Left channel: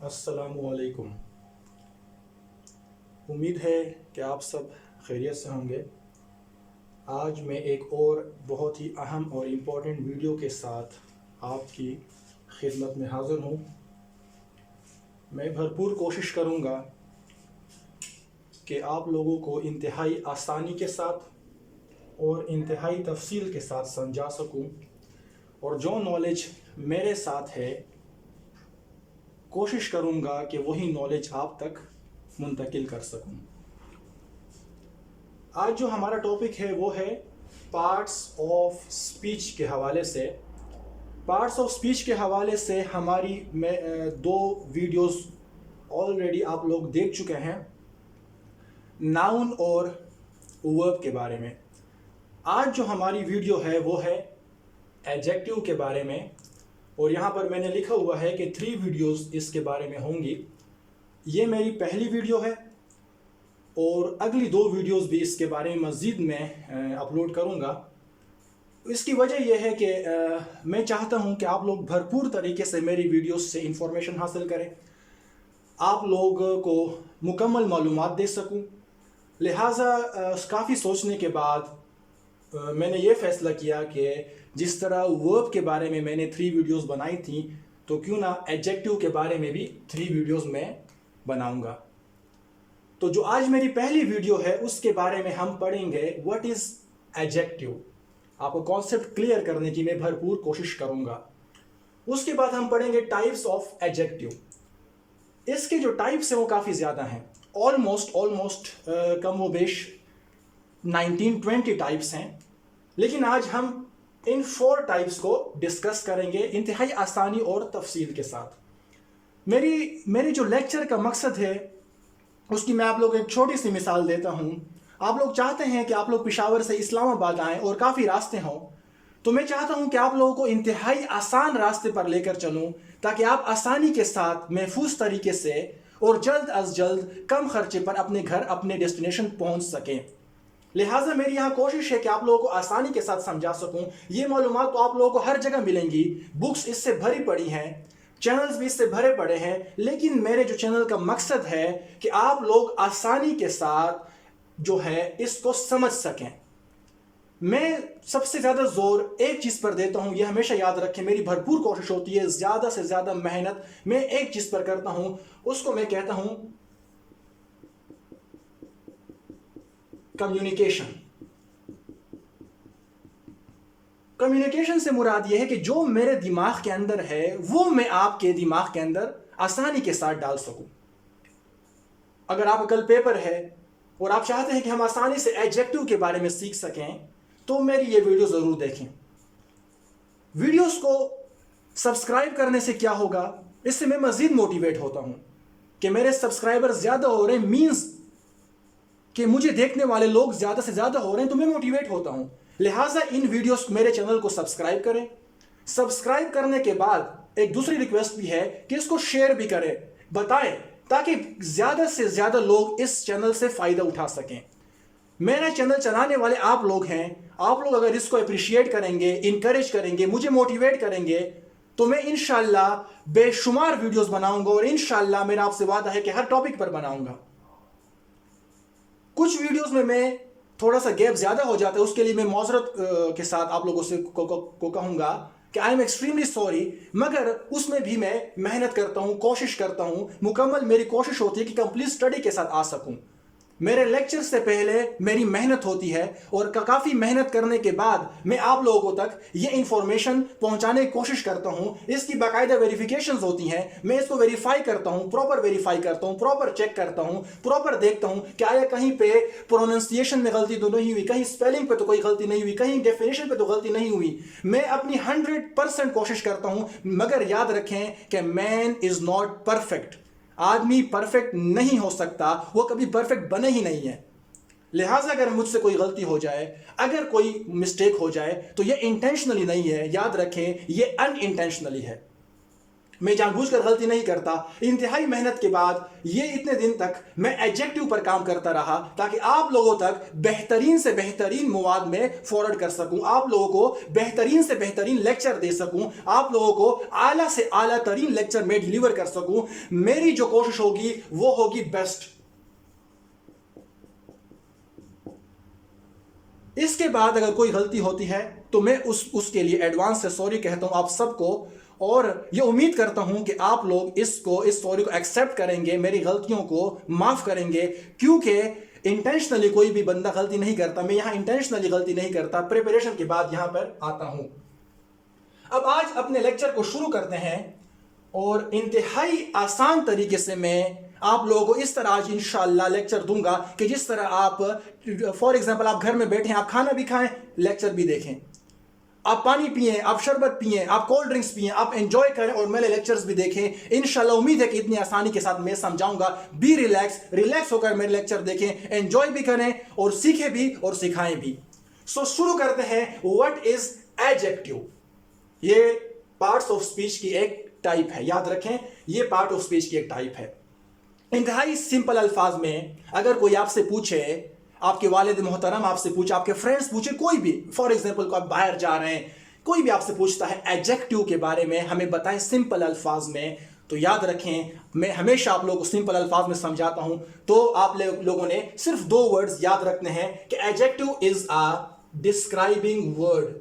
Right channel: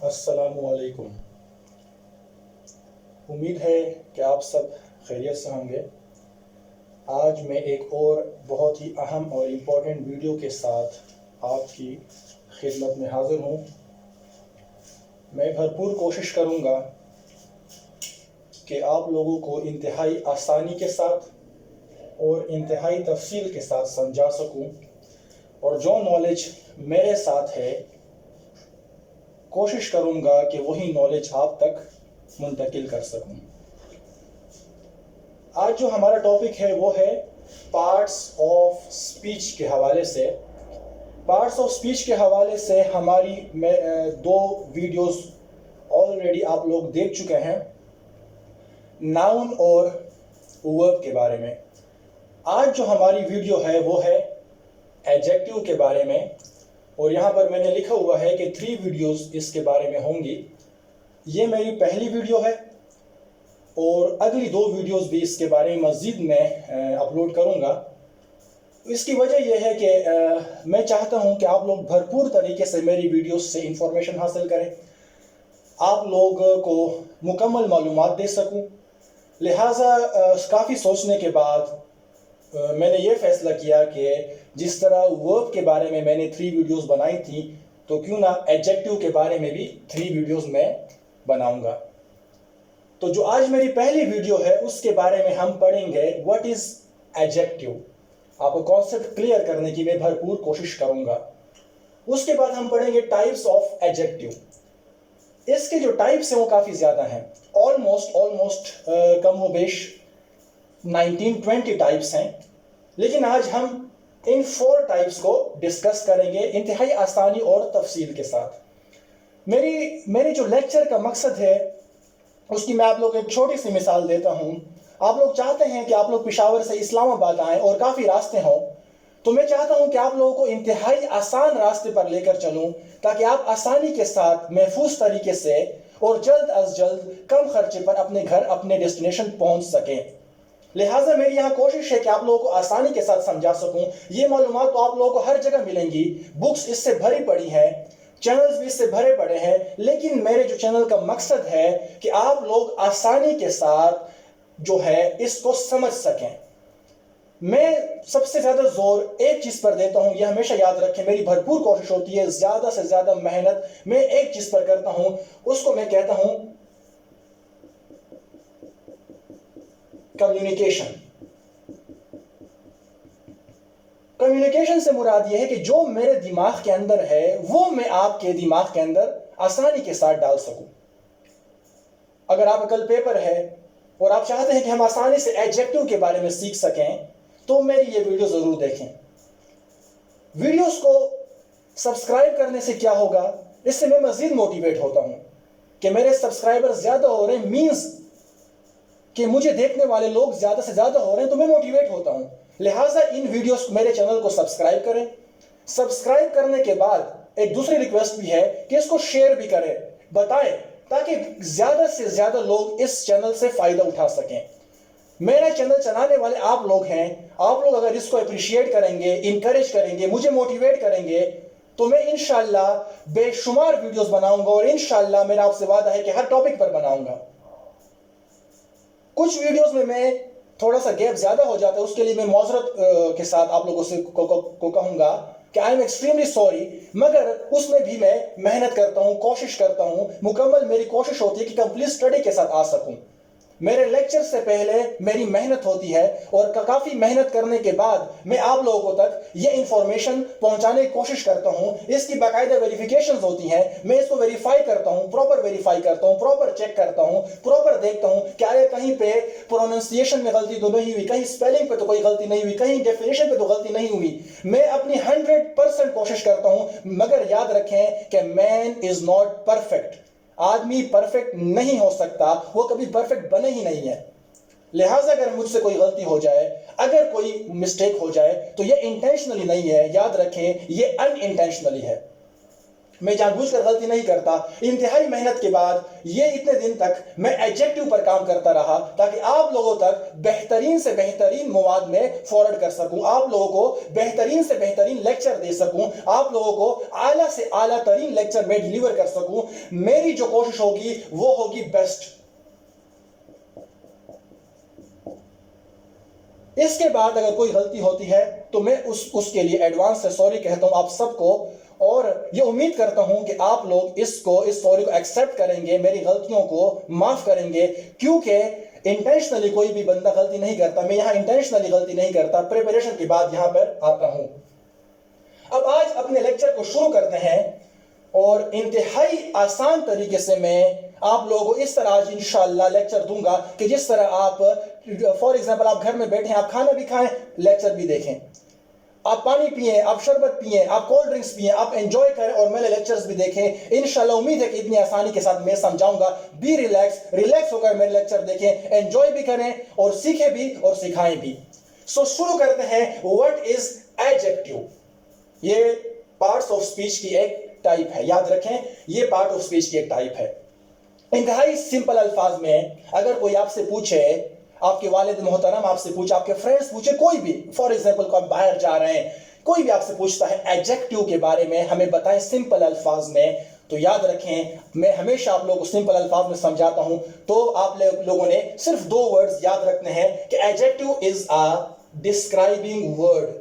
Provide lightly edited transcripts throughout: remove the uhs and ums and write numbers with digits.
अस्सलामुअलैकुम। उम्मीद है कि आप सब खैरियत से होंगे। आज मैं एक और बहुत ही अहम और इम्पोर्टेंट वीडियो के साथ आपकी खिदमत में हाज़िर हूँ। मैं भरपूर कोशिश करूँगा कि आप लोगों को इंतहाई आसानी के साथ और इंतहाई तफसील के साथ समझा सकूँ, और जो नॉलेज मेरे साथ है कोशिश करूँगा कि वही नॉलेज आप तक मुंतकिल कर सकूँ। आज जो हमारा टॉपिक है वो है पार्ट्स ऑफ स्पीच के हवाले से। पार्ट्स ऑफ स्पीच के हवाले से हमारी दो वीडियोस ऑलरेडी आप लोग देख चुके हैं, नाउन और वर्ब के बारे में। आज जो हमारी वीडियो है वो है एडजेक्टिव के बारे में, और यहाँ पर मैंने लिखा हुआ है कि 3 वीडियोस इसके बारे में होंगी। ये मेरी पहली वीडियो है और अगली 2 वीडियोस भी इसके बारे में मज़ीद मैं अपलोड करूँगा। इसकी वजह यह है कि मैं चाहता हूँ कि आप लोग भरपूर तरीके से मेरी वीडियोस से इंफॉर्मेशन हासिल करें, आप लोग को मुकम्मल मालूमात दे सकूँ। लिहाजा काफ़ी सोचने के बाद मैंने ये फ़ैसला किया कि जिस तरह वर्ब के बारे में मैंने 3 वीडियोस बनाई थी, तो क्यों ना एडजेक्टिव के बारे में भी 3 वीडियोस मैं बनाऊंगा। तो जो आज मेरी पहली वीडियो है उसके बारे में हम पढ़ेंगे व्हाट इज़ एडजेक्टिव। आपको कॉन्सेप्ट क्लियर करने की मैं भरपूर कोशिश करूंगा। उसके बाद हम पढ़ेंगे टाइप्स ऑफ एडजेक्टिव। इसके जो टाइप्स हैं वो काफ़ी ज़्यादा हैं, ऑलमोस्ट कम व बेश 19-20 टाइप्स हैं, लेकिन आज हम इन 4 टाइप्स को डिस्कस करेंगे इंतहाई आसानी और तफसील के साथ। मेरी जो लेक्चर का मकसद है उसकी मैं आप लोग एक छोटी सी मिसाल देता हूँ। आप लोग चाहते हैं कि आप लोग पेशावर से इस्लामाबाद आएँ और काफ़ी रास्ते हों, तो मैं चाहता हूँ कि आप लोगों को इंतहाई आसान रास्ते पर लेकर चलूँ ताकि आप आसानी के साथ महफूज तरीके से और जल्द अज जल्द कम खर्चे पर अपने घर, अपने डेस्टिनेशन पहुँच सकें। लिहाजा मेरी यहाँ कोशिश है कि आप लोगों को आसानी के साथ समझा सकूं। ये मालूमात तो आप लोगों को हर जगह मिलेंगी, बुक्स इससे भरी पड़ी हैं, चैनल्स भी इससे भरे पड़े हैं, लेकिन मेरे जो चैनल का मकसद है कि आप लोग आसानी के साथ जो है इसको समझ सकें। मैं सबसे ज़्यादा जोर एक चीज़ पर देता हूँ, यह हमेशा याद रखें। मेरी भरपूर कोशिश होती है, ज़्यादा से ज़्यादा मेहनत मैं एक चीज़ पर करता हूँ, उसको मैं कहता हूँ कम्युनिकेशन। कम्युनिकेशन से मुराद यह है कि जो मेरे दिमाग के अंदर है वो मैं आपके दिमाग के अंदर आसानी के साथ डाल सकूं। अगर आप कल पेपर है और आप चाहते हैं कि हम आसानी से एडजेक्टिव के बारे में सीख सकें, तो मेरी ये वीडियो जरूर देखें। वीडियोस को सब्सक्राइब करने से क्या होगा, इससे मैं मजीद मोटिवेट होता हूं कि मेरे सब्सक्राइबर ज्यादा हो रहे हैं, मींस कि मुझे देखने वाले लोग ज्यादा से ज्यादा हो रहे हैं, तो मैं मोटिवेट होता हूं। लिहाजा इन वीडियोस मेरे चैनल को सब्सक्राइब करें। सब्सक्राइब करने के बाद एक दूसरी रिक्वेस्ट भी है कि इसको शेयर भी करें, बताएं, ताकि ज्यादा से ज्यादा लोग इस चैनल से फायदा उठा सकें। मेरा चैनल चलाने वाले आप लोग हैं। आप लोग अगर इसको अप्रिशिएट करेंगे, इंकरेज करेंगे, मुझे मोटिवेट करेंगे, तो मैं इंशाल्लाह बेशुमार वीडियोस बनाऊंगा, और इंशाल्लाह मेरा आपसे वादा है कि हर टॉपिक पर बनाऊंगा। कुछ वीडियोस में मैं थोड़ा सा गैप ज्यादा हो जाता है, उसके लिए मैं मौजरत के साथ आप लोगों से को कहूंगा कि आई एम एक्सट्रीमली सॉरी, मगर उसमें भी मैं मेहनत करता हूं, कोशिश करता हूं, मुकम्मल मेरी कोशिश होती है कि कंप्लीट स्टडी के साथ आ सकूं। मेरे लेक्चर से पहले मेरी मेहनत होती है, और काफ़ी मेहनत करने के बाद मैं आप लोगों तक ये इंफॉर्मेशन पहुंचाने की कोशिश करता हूं। इसकी बाकायदा वेरिफिकेशंस होती हैं, मैं इसको वेरीफाई करता हूं, प्रॉपर वेरीफाई करता हूं, प्रॉपर चेक करता हूं, प्रॉपर देखता हूं कि आया कहीं पे प्रोनाउंसिएशन में गलती तो नहीं हुई, कहीं स्पेलिंग पे तो कोई गलती नहीं हुई, कहीं डेफिनेशन पे तो गलती नहीं हुई। मैं अपनी 100% कोशिश करता हूं, मगर याद रखें कि मैन इज नॉट परफेक्ट। आदमी परफेक्ट नहीं हो सकता, वो कभी परफेक्ट बने ही नहीं है। लिहाजा अगर मुझसे कोई गलती हो जाए, अगर कोई मिस्टेक हो जाए, तो ये इंटेंशनली नहीं है, याद रखें, ये अनइंटेंशनली है। मैं जानबूझकर गलती नहीं करता। इंतहाई मेहनत के बाद ये इतने दिन तक मैं एडजेक्टिव पर काम करता रहा ताकि आप लोगों तक बेहतरीन से बेहतरीन मवाद में फॉरवर्ड कर सकूं, आप लोगों को बेहतरीन से बेहतरीन लेक्चर दे सकूं, आप लोगों को आला से आला तरीन लेक्चर में डिलीवर कर सकूं। मेरी जो कोशिश होगी वो होगी बेस्ट। इसके बाद अगर कोई गलती होती है तो मैं उसके लिए एडवांस से सॉरी कहता हूं आप सबको, और ये उम्मीद करता हूं कि आप लोग इस सॉरी को एक्सेप्ट करेंगे, मेरी गलतियों को माफ करेंगे, क्योंकि इंटेंशनली कोई भी बंदा गलती नहीं करता। मैं यहां इंटेंशनली गलती नहीं करता, प्रिपरेशन के बाद यहां पर आता हूं। अब आज अपने लेक्चर को शुरू करते हैं और इंतहाई आसान तरीके से मैं आप लोगों को इस तरह आज इंशाल्लाह लेक्चर दूंगा कि जिस तरह आप फॉर एग्जांपल आप घर में बैठे हैं, आप खाना भी खाएं, लेक्चर भी देखें, आप पानी पिए, आप शरबत पिए, आप कोल्ड ड्रिंक्स पिए, आप एंजॉय करें और मेरे लेक्चर्स भी देखें। इंशाल्लाह उम्मीद है कि इतनी आसानी के साथ मैं समझाऊंगा। बी रिलैक्स होकर मेरे लेक्चर देखें, एंजॉय भी करें और सीखें भी और सिखाएं भी। सो शुरू करते हैं। What is adjective? ये पार्ट्स ऑफ स्पीच की एक टाइप है, याद रखें, ये पार्ट ऑफ स्पीच की एक टाइप है। इंतहाई सिंपल अल्फाज में अगर कोई आपसे पूछे, आपके वालिद मोहतरम आपसे पूछे, आपके फ्रेंड्स पूछे, कोई भी, फॉर एग्जांपल को आप बाहर जा रहे हैं, कोई भी आपसे पूछता है एडजेक्टिव के बारे में, हमें बताएं सिंपल अल्फाज में, तो याद रखें मैं हमेशा आप लोगों को सिंपल अल्फाज में समझाता हूं। तो आप लोगों ने सिर्फ दो वर्ड्स याद रखने हैं कि adjective is a describing word.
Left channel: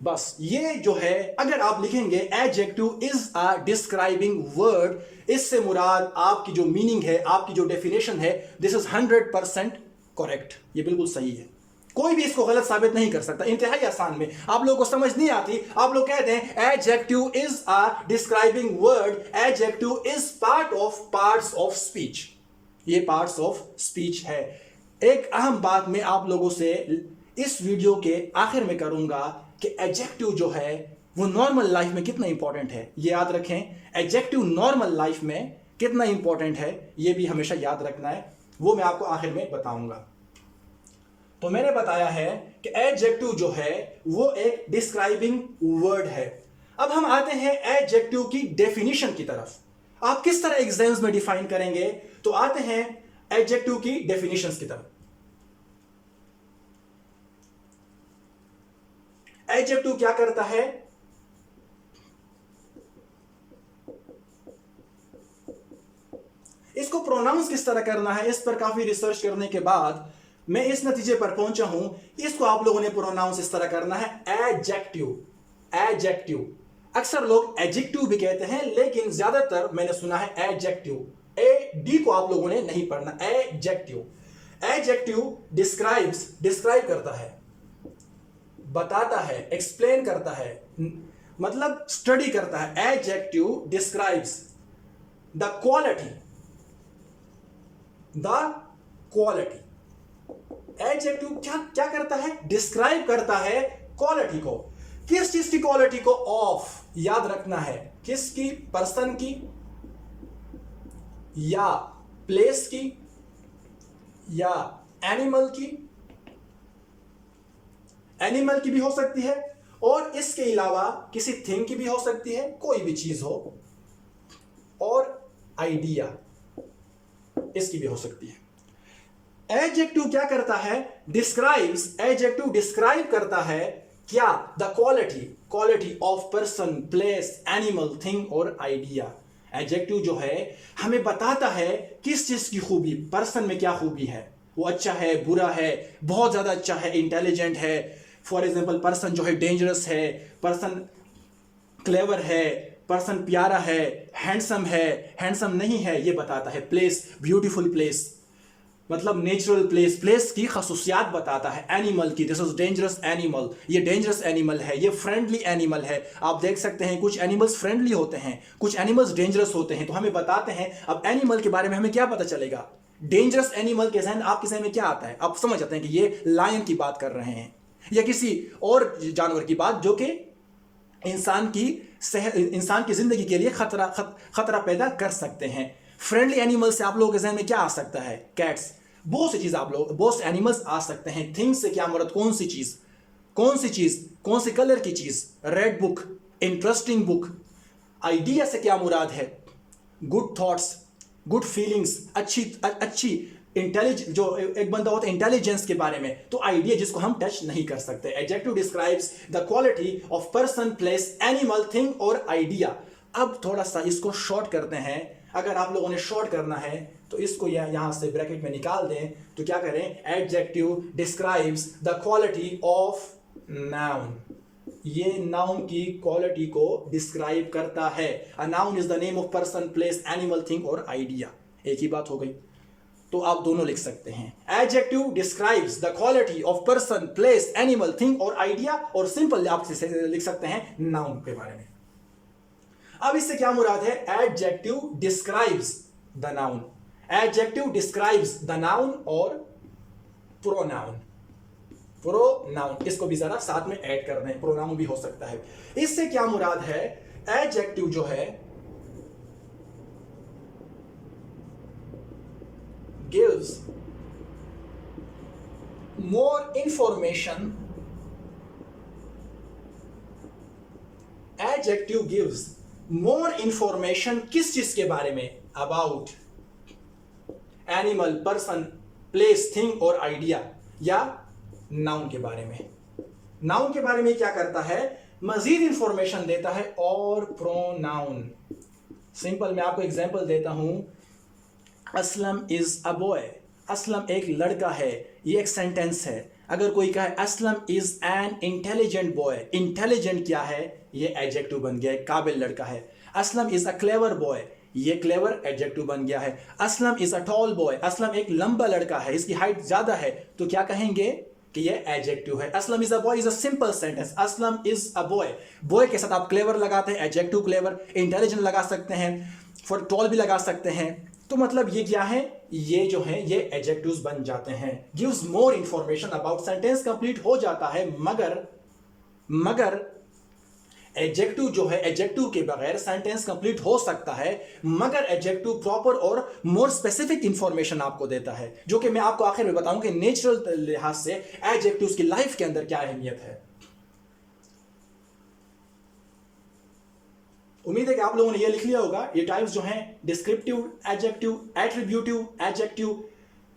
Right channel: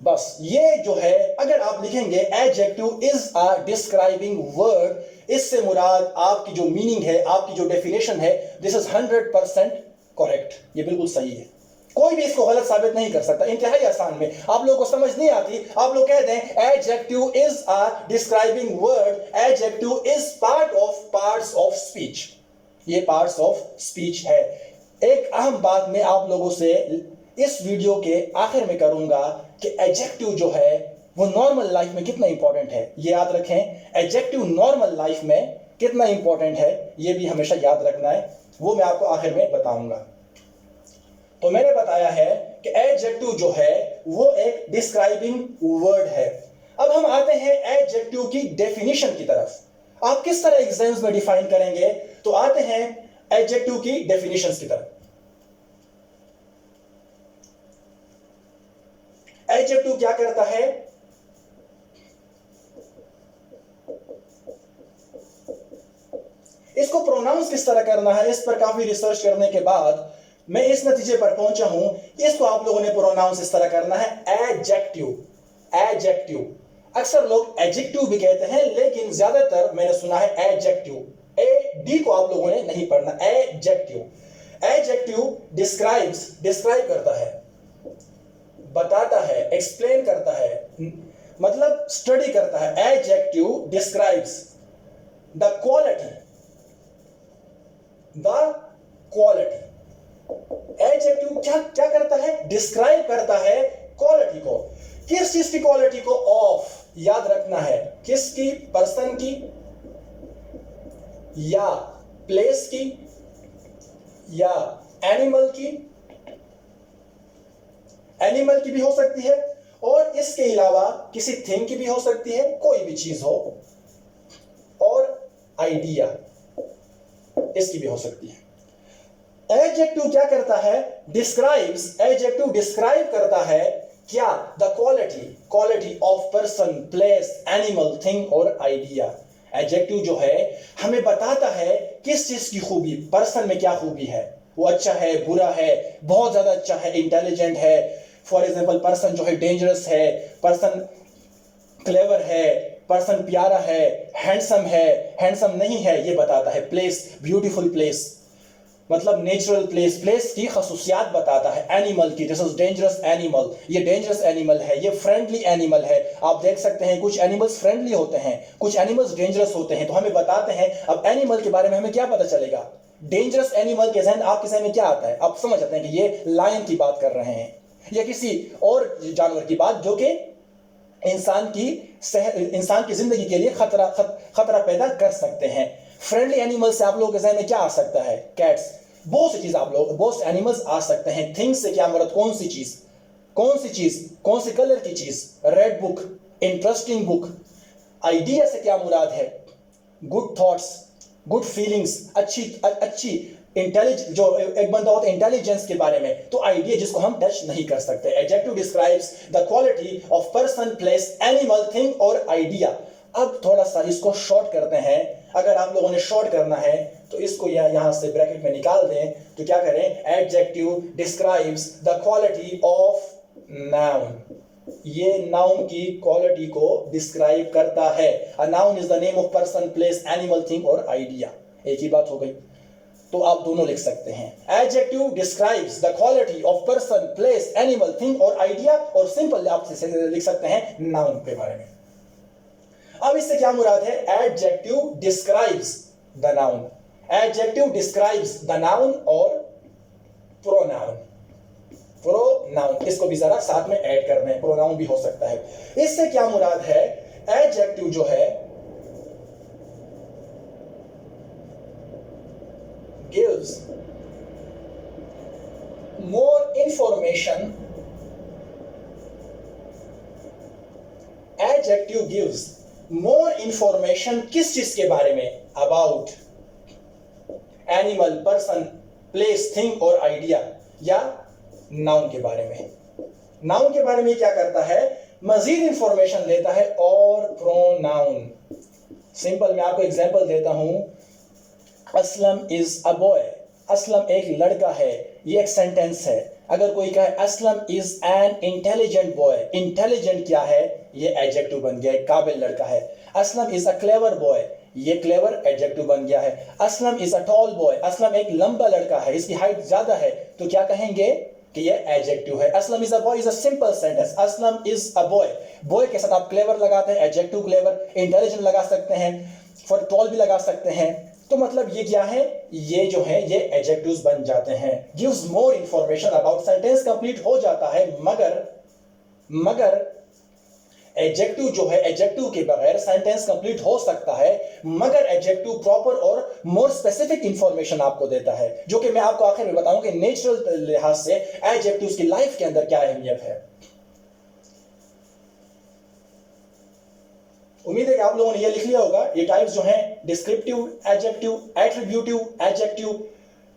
बस ये जो है, अगर आप लिखेंगे adjective is a describing word, इससे मुराद आपकी जो मीनिंग है, आपकी जो डेफिनेशन है, दिस इज 100% करेक्ट, ये बिल्कुल सही है, कोई भी इसको गलत साबित नहीं कर सकता। इंतहाई आसान में आप लोगों को समझ नहीं आती, आप लोग कह दें adjective is a describing word, adjective is parts of speech, ये पार्ट्स ऑफ स्पीच है। एक अहम बात मैं आप लोगों से इस वीडियो के आखिर में करूंगा कि एडजेक्टिव जो है वो नॉर्मल लाइफ में कितना इंपॉर्टेंट है, ये याद रखें। एडजेक्टिव नॉर्मल लाइफ में कितना इंपॉर्टेंट है ये भी हमेशा याद रखना है, वो मैं आपको आखिर में बताऊंगा। तो मैंने बताया है कि एडजेक्टिव जो है वो एक डिस्क्राइबिंग वर्ड है। अब हम आते हैं एडजेक्टिव की डेफिनेशन की तरफ। आप किस तरह एग्जाम्स में डिफाइन करेंगे, तो आते हैं एडजेक्टिव की डेफिनेशंस की तरफ। एडजेक्टिव क्या करता है? इसको प्रोनाउंस किस तरह करना है, इस पर काफी रिसर्च करने के बाद मैं इस नतीजे पर पहुंचा हूं, इसको आप लोगों ने प्रोनाउंस इस तरह करना है एडजेक्टिव। एडजेक्टिव अक्सर लोग एडजेक्टिव भी कहते हैं, लेकिन ज्यादातर मैंने सुना है एडजेक्टिव। डी को आप लोगों ने नहीं पढ़ना, एडजेक्टिव। एडजेक्टिव डिस्क्राइब करता है, बताता है, एक्सप्लेन करता है, मतलब स्टडी करता है। Adjective describes the quality. Adjective क्या करता है? डिस्क्राइब करता है क्वालिटी को। किस चीज की क्वालिटी को? ऑफ, याद रखना है, किसकी? पर्सन की, या प्लेस की, या एनिमल की। एनिमल की भी हो सकती है, और इसके अलावा किसी थिंग की भी हो सकती है, कोई भी चीज हो, और आइडिया इसकी भी हो सकती है। एडजेक्टिव क्या करता है? डिस्क्राइब्स। एडजेक्टिव डिस्क्राइब करता है क्या? The quality of person, place, animal, thing और आइडिया। एडजेक्टिव जो है हमें बताता है किस चीज की खूबी, पर्सन में क्या खूबी है, वो अच्छा है, बुरा है, बहुत ज्यादा अच्छा है, इंटेलिजेंट है। फॉर एग्जाम्पल पर्सन जो है डेंजरस है, पर्सन क्लेवर है, पर्सन प्यारा है, हैंडसम नहीं है, ये बताता है। प्लेस, ब्यूटीफुल प्लेस, मतलब नेचुरल प्लेस की खसूसियात बताता है। एनिमल की, दिस इज डेंजरस एनिमल, ये डेंजरस एनिमल है, ये फ्रेंडली एनिमल है। आप देख सकते हैं कुछ एनिमल्स फ्रेंडली होते हैं, कुछ एनिमल्स डेंजरस होते हैं, तो हमें बताते हैं। अब एनिमल के बारे में हमें क्या पता चलेगा? डेंजरस एनिमल के जहन आपके जहन में क्या आता है? आप समझ जाते हैं कि ये लायन की बात कर रहे हैं, या किसी और जानवर की बात जो कि इंसान की जिंदगी के लिए खतरा पैदा कर सकते हैं। फ्रेंडली एनिमल से आप लोगों के जहन में क्या आ सकता है? कैट्स, बहुत सी चीज आप लोग, बहुत से एनिमल्स आ सकते हैं। थिंग्स से क्या मुराद, कौन सी चीज, कौन सी चीज, कौन से कलर की चीज, red book, interesting book. Idea से क्या मुराद है, गुड थॉट्स, गुड फीलिंग्स, अच्छी अच्छी इंटेलिजेंस। जो एक बंदा होता है इंटेलिजेंस के बारे में, तो आइडिया जिसको हम टच नहीं कर सकते। Adjective describes the quality of person, place, animal, thing और आइडिया। अब थोड़ा सा इसको शॉर्ट करते हैं। अगर आप लोगों ने शॉर्ट करना है तो इसको यहां से ब्रैकेट में निकाल दें, तो क्या करें, adjective describes the quality of noun. ये नाउन की क्वालिटी को डिस्क्राइब करता है। A noun is the name of person, place, animal, thing और आइडिया। एक ही बात हो गई, तो आप दोनों लिख सकते हैं। Adjective describes the quality of person, place, animal, thing और आइडिया, और सिंपल आप लिख सकते हैं नाउन के बारे में। अब इससे क्या मुराद है, adjective describes the noun, adjective describes the noun और प्रोनाउन। प्रोनाउन इसको भी जरा साथ में ऐड कर दें, प्रोनाउन भी हो सकता है। इससे क्या मुराद है, एडजेक्टिव जो है gives more information, adjective gives more information किस चीज के बारे में, about animal, person, place, thing और idea, या noun के बारे में। noun के बारे में क्या करता है, मजीद इंफॉर्मेशन देता है। और प्रोनाउन सिंपल, मैं आपको एग्जांपल देता हूं। Aslam is a boy, Aslam एक लड़का है, ये एक सेंटेंस है। अगर कोई कहे Aslam is an intelligent boy, intelligent क्या है, ये एडजेक्टिव बन गया है, काबिल लड़का है। Aslam is a clever boy, ये क्लेवर एडजेक्टिव बन गया है। Aslam is a tall boy, Aslam एक लंबा लड़का है, इसकी हाइट ज्यादा है, तो क्या कहेंगे कि ये एडजेक्टिव है। Aslam is a boy is a simple sentence, Aslam is a boy. Boy के साथ आप क्लेवर लगाते हैं, एडजेक्टिव क्लेवर। इंटेलिजेंट लगा सकते हैं, फॉर टॉल भी लगा सकते हैं। तो मतलब ये क्या है, ये जो है ये एडजेक्टिव्स बन जाते हैं। Gives more information about, sentence complete हो जाता है। मगर एडजेक्टिव जो है, एडजेक्टिव के बगैर सेंटेंस कंप्लीट हो सकता है, मगर एडजेक्टिव प्रॉपर और मोर स्पेसिफिक इंफॉर्मेशन आपको देता है, जो कि मैं आपको आखिर में बताऊंगा कि नेचुरल लिहाज से एडजेक्टिव्स की लाइफ के अंदर क्या अहमियत है। उम्मीद है कि आप लोगों ने ये लिख लिया होगा। ये टाइप्स जो हैं, descriptive adjective, attributive adjective,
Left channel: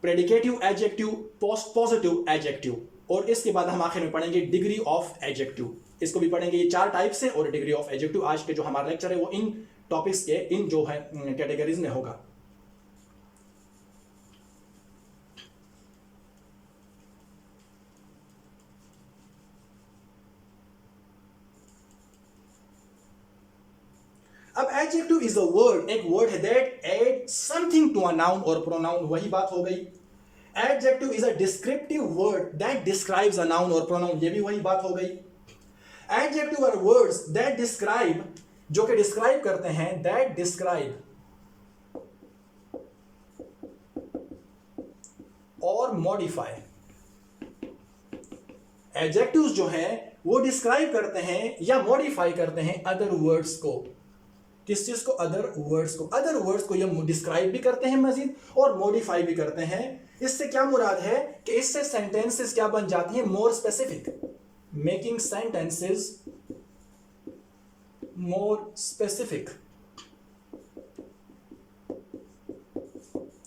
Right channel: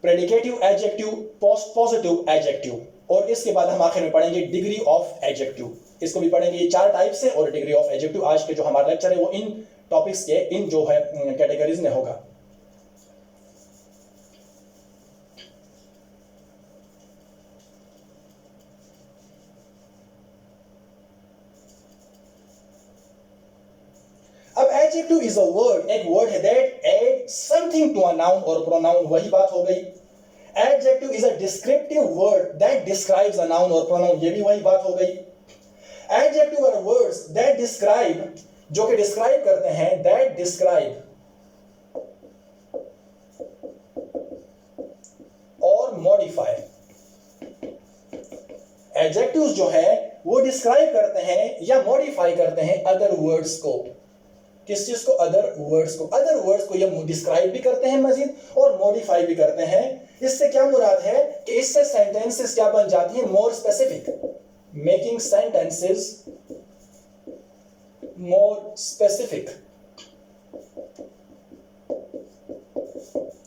predicative adjective, positive adjective, और इसके बाद हम आखिर में पढ़ेंगे डिग्री ऑफ एडजेक्टिव। इसको भी पढ़ेंगे, ये 4 टाइप्स है और डिग्री ऑफ एडजेक्टिव। आज के जो हमारा लेक्चर है वो इन टॉपिक्स के, इन जो है कैटेगरीज में होगा। अब एडजेक्टिव इज अ वर्ड, एक वर्ड है that add something to a noun और प्रोनाउन, वही बात हो गई। Adjective is a descriptive word that describes a noun और प्रोनाउन, ये भी वही बात हो गई। Adjective are words that describe, जो कि डिस्क्राइब करते हैं, दैट डिस्क्राइब और मॉडिफाई। एडजेक्टिव्स जो है वो डिस्क्राइब करते हैं या मॉडिफाई करते हैं अदर वर्ड्स को। किस चीज को, अदर वर्ड्स को। अदर वर्ड्स को ये डिस्क्राइब भी करते हैं मजीद और मॉडिफाई भी करते हैं। इससे क्या मुराद है कि इससे सेंटेंसेस क्या बन जाती है, more specific, making sentences more specific.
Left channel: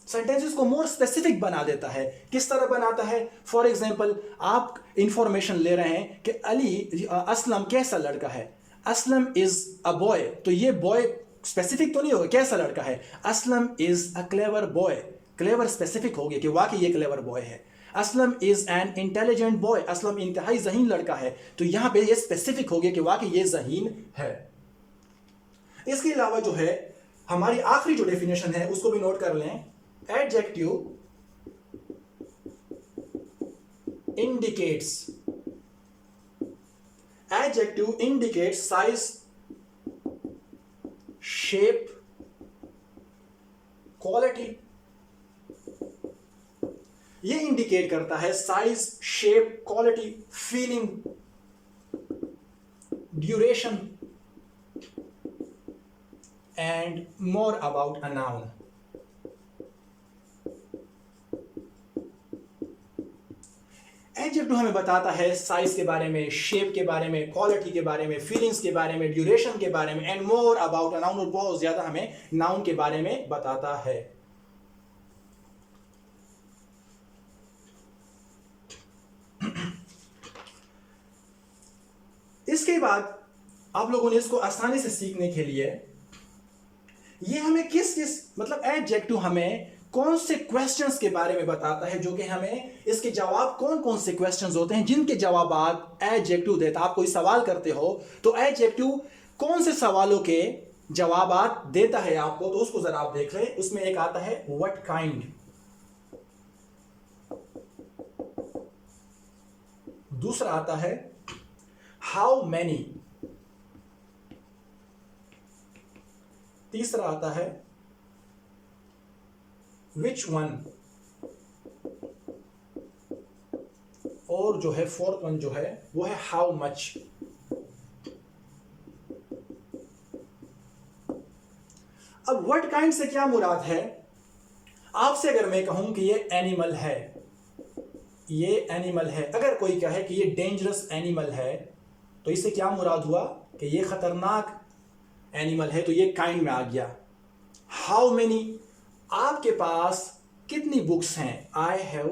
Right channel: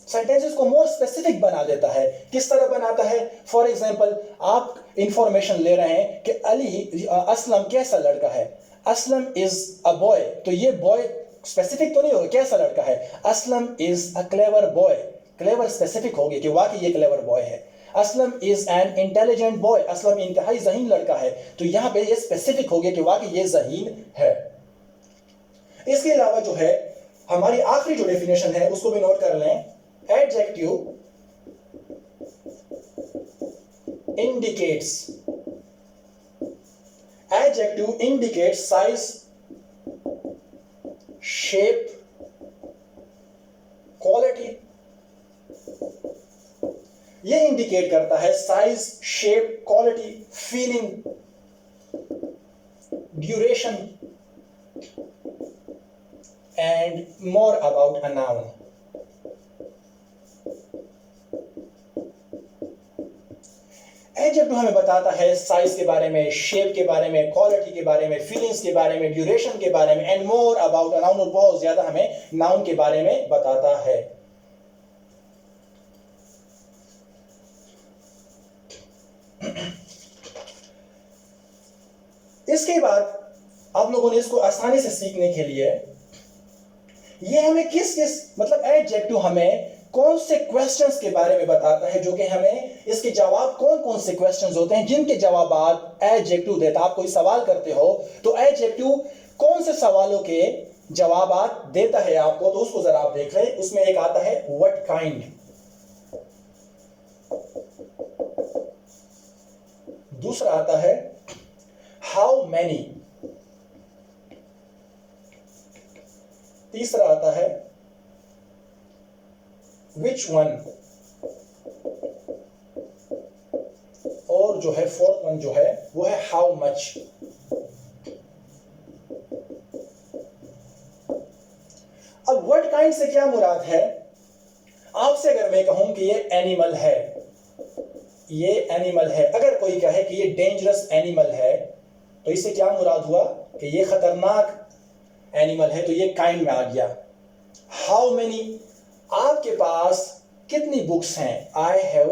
Sentences को मोर स्पेसिफिक बना देता है। किस तरह बनाता है, फॉर एग्जाम्पल आप इंफॉर्मेशन ले रहे हैं कि असलम कैसा लड़का है, असलम इज अ बॉय, तो ये बॉय स्पेसिफिक तो नहीं होगा, कैसा लड़का है। Aslam is a clever boy, clever specific होगी कि वाकई ये क्लेवर बॉय है। Aslam is an intelligent boy, Aslam इंतहाई ज़हीन लड़का है, तो यहां पे ये स्पेसिफिक हो गया कि वाकई ये ज़हीन है। इसके अलावा जो है हमारी आखिरी जो डेफिनेशन है उसको भी नोट कर लें। Adjective indicates, adjective indicates size, shape, quality। ये इंडिकेट करता है size, shape, quality, feeling, duration and more about a noun. Adjective हमें बताता है साइज के बारे में, शेप के बारे में, क्वालिटी के बारे में, फीलिंग्स के बारे में, ड्यूरेशन के बारे में, and more about a noun, और बहुत ज्यादा हमें नाउन के बारे में बताता है। इसके बाद आप लोगों ने इसको आसानी से सीखने के लिए ये हमें किस किस मतलब एडजेक्टिव हमें कौन से क्वेश्चंस के बारे में बताता है, जो कि हमें इसके जवाब कौन कौन से क्वेश्चंस होते हैं जिनके जवाब आप एडजेक्टिव देता। आप कोई सवाल करते हो तो एडजेक्टिव कौन से सवालों के जवाब देता है आपको, तो उसको जरा आप देख लें। उसमें एक आता है व्हाट काइंड, दूसरा आता है हाउ मैनी, तीसरा आता है विच वन, और जो है फोर्थ वन जो है वो है हाउ मच। अब व्हाट काइंड से क्या मुराद है? आपसे अगर मैं कहूं कि ये एनिमल है, ये एनिमल है, अगर कोई कहे कि ये डेंजरस एनिमल है, तो इससे क्या मुराद हुआ कि ये खतरनाक एनिमल है, तो ये काइंड में आ गया। हाउ मेनी, आपके पास कितनी बुक्स हैं? आई हैव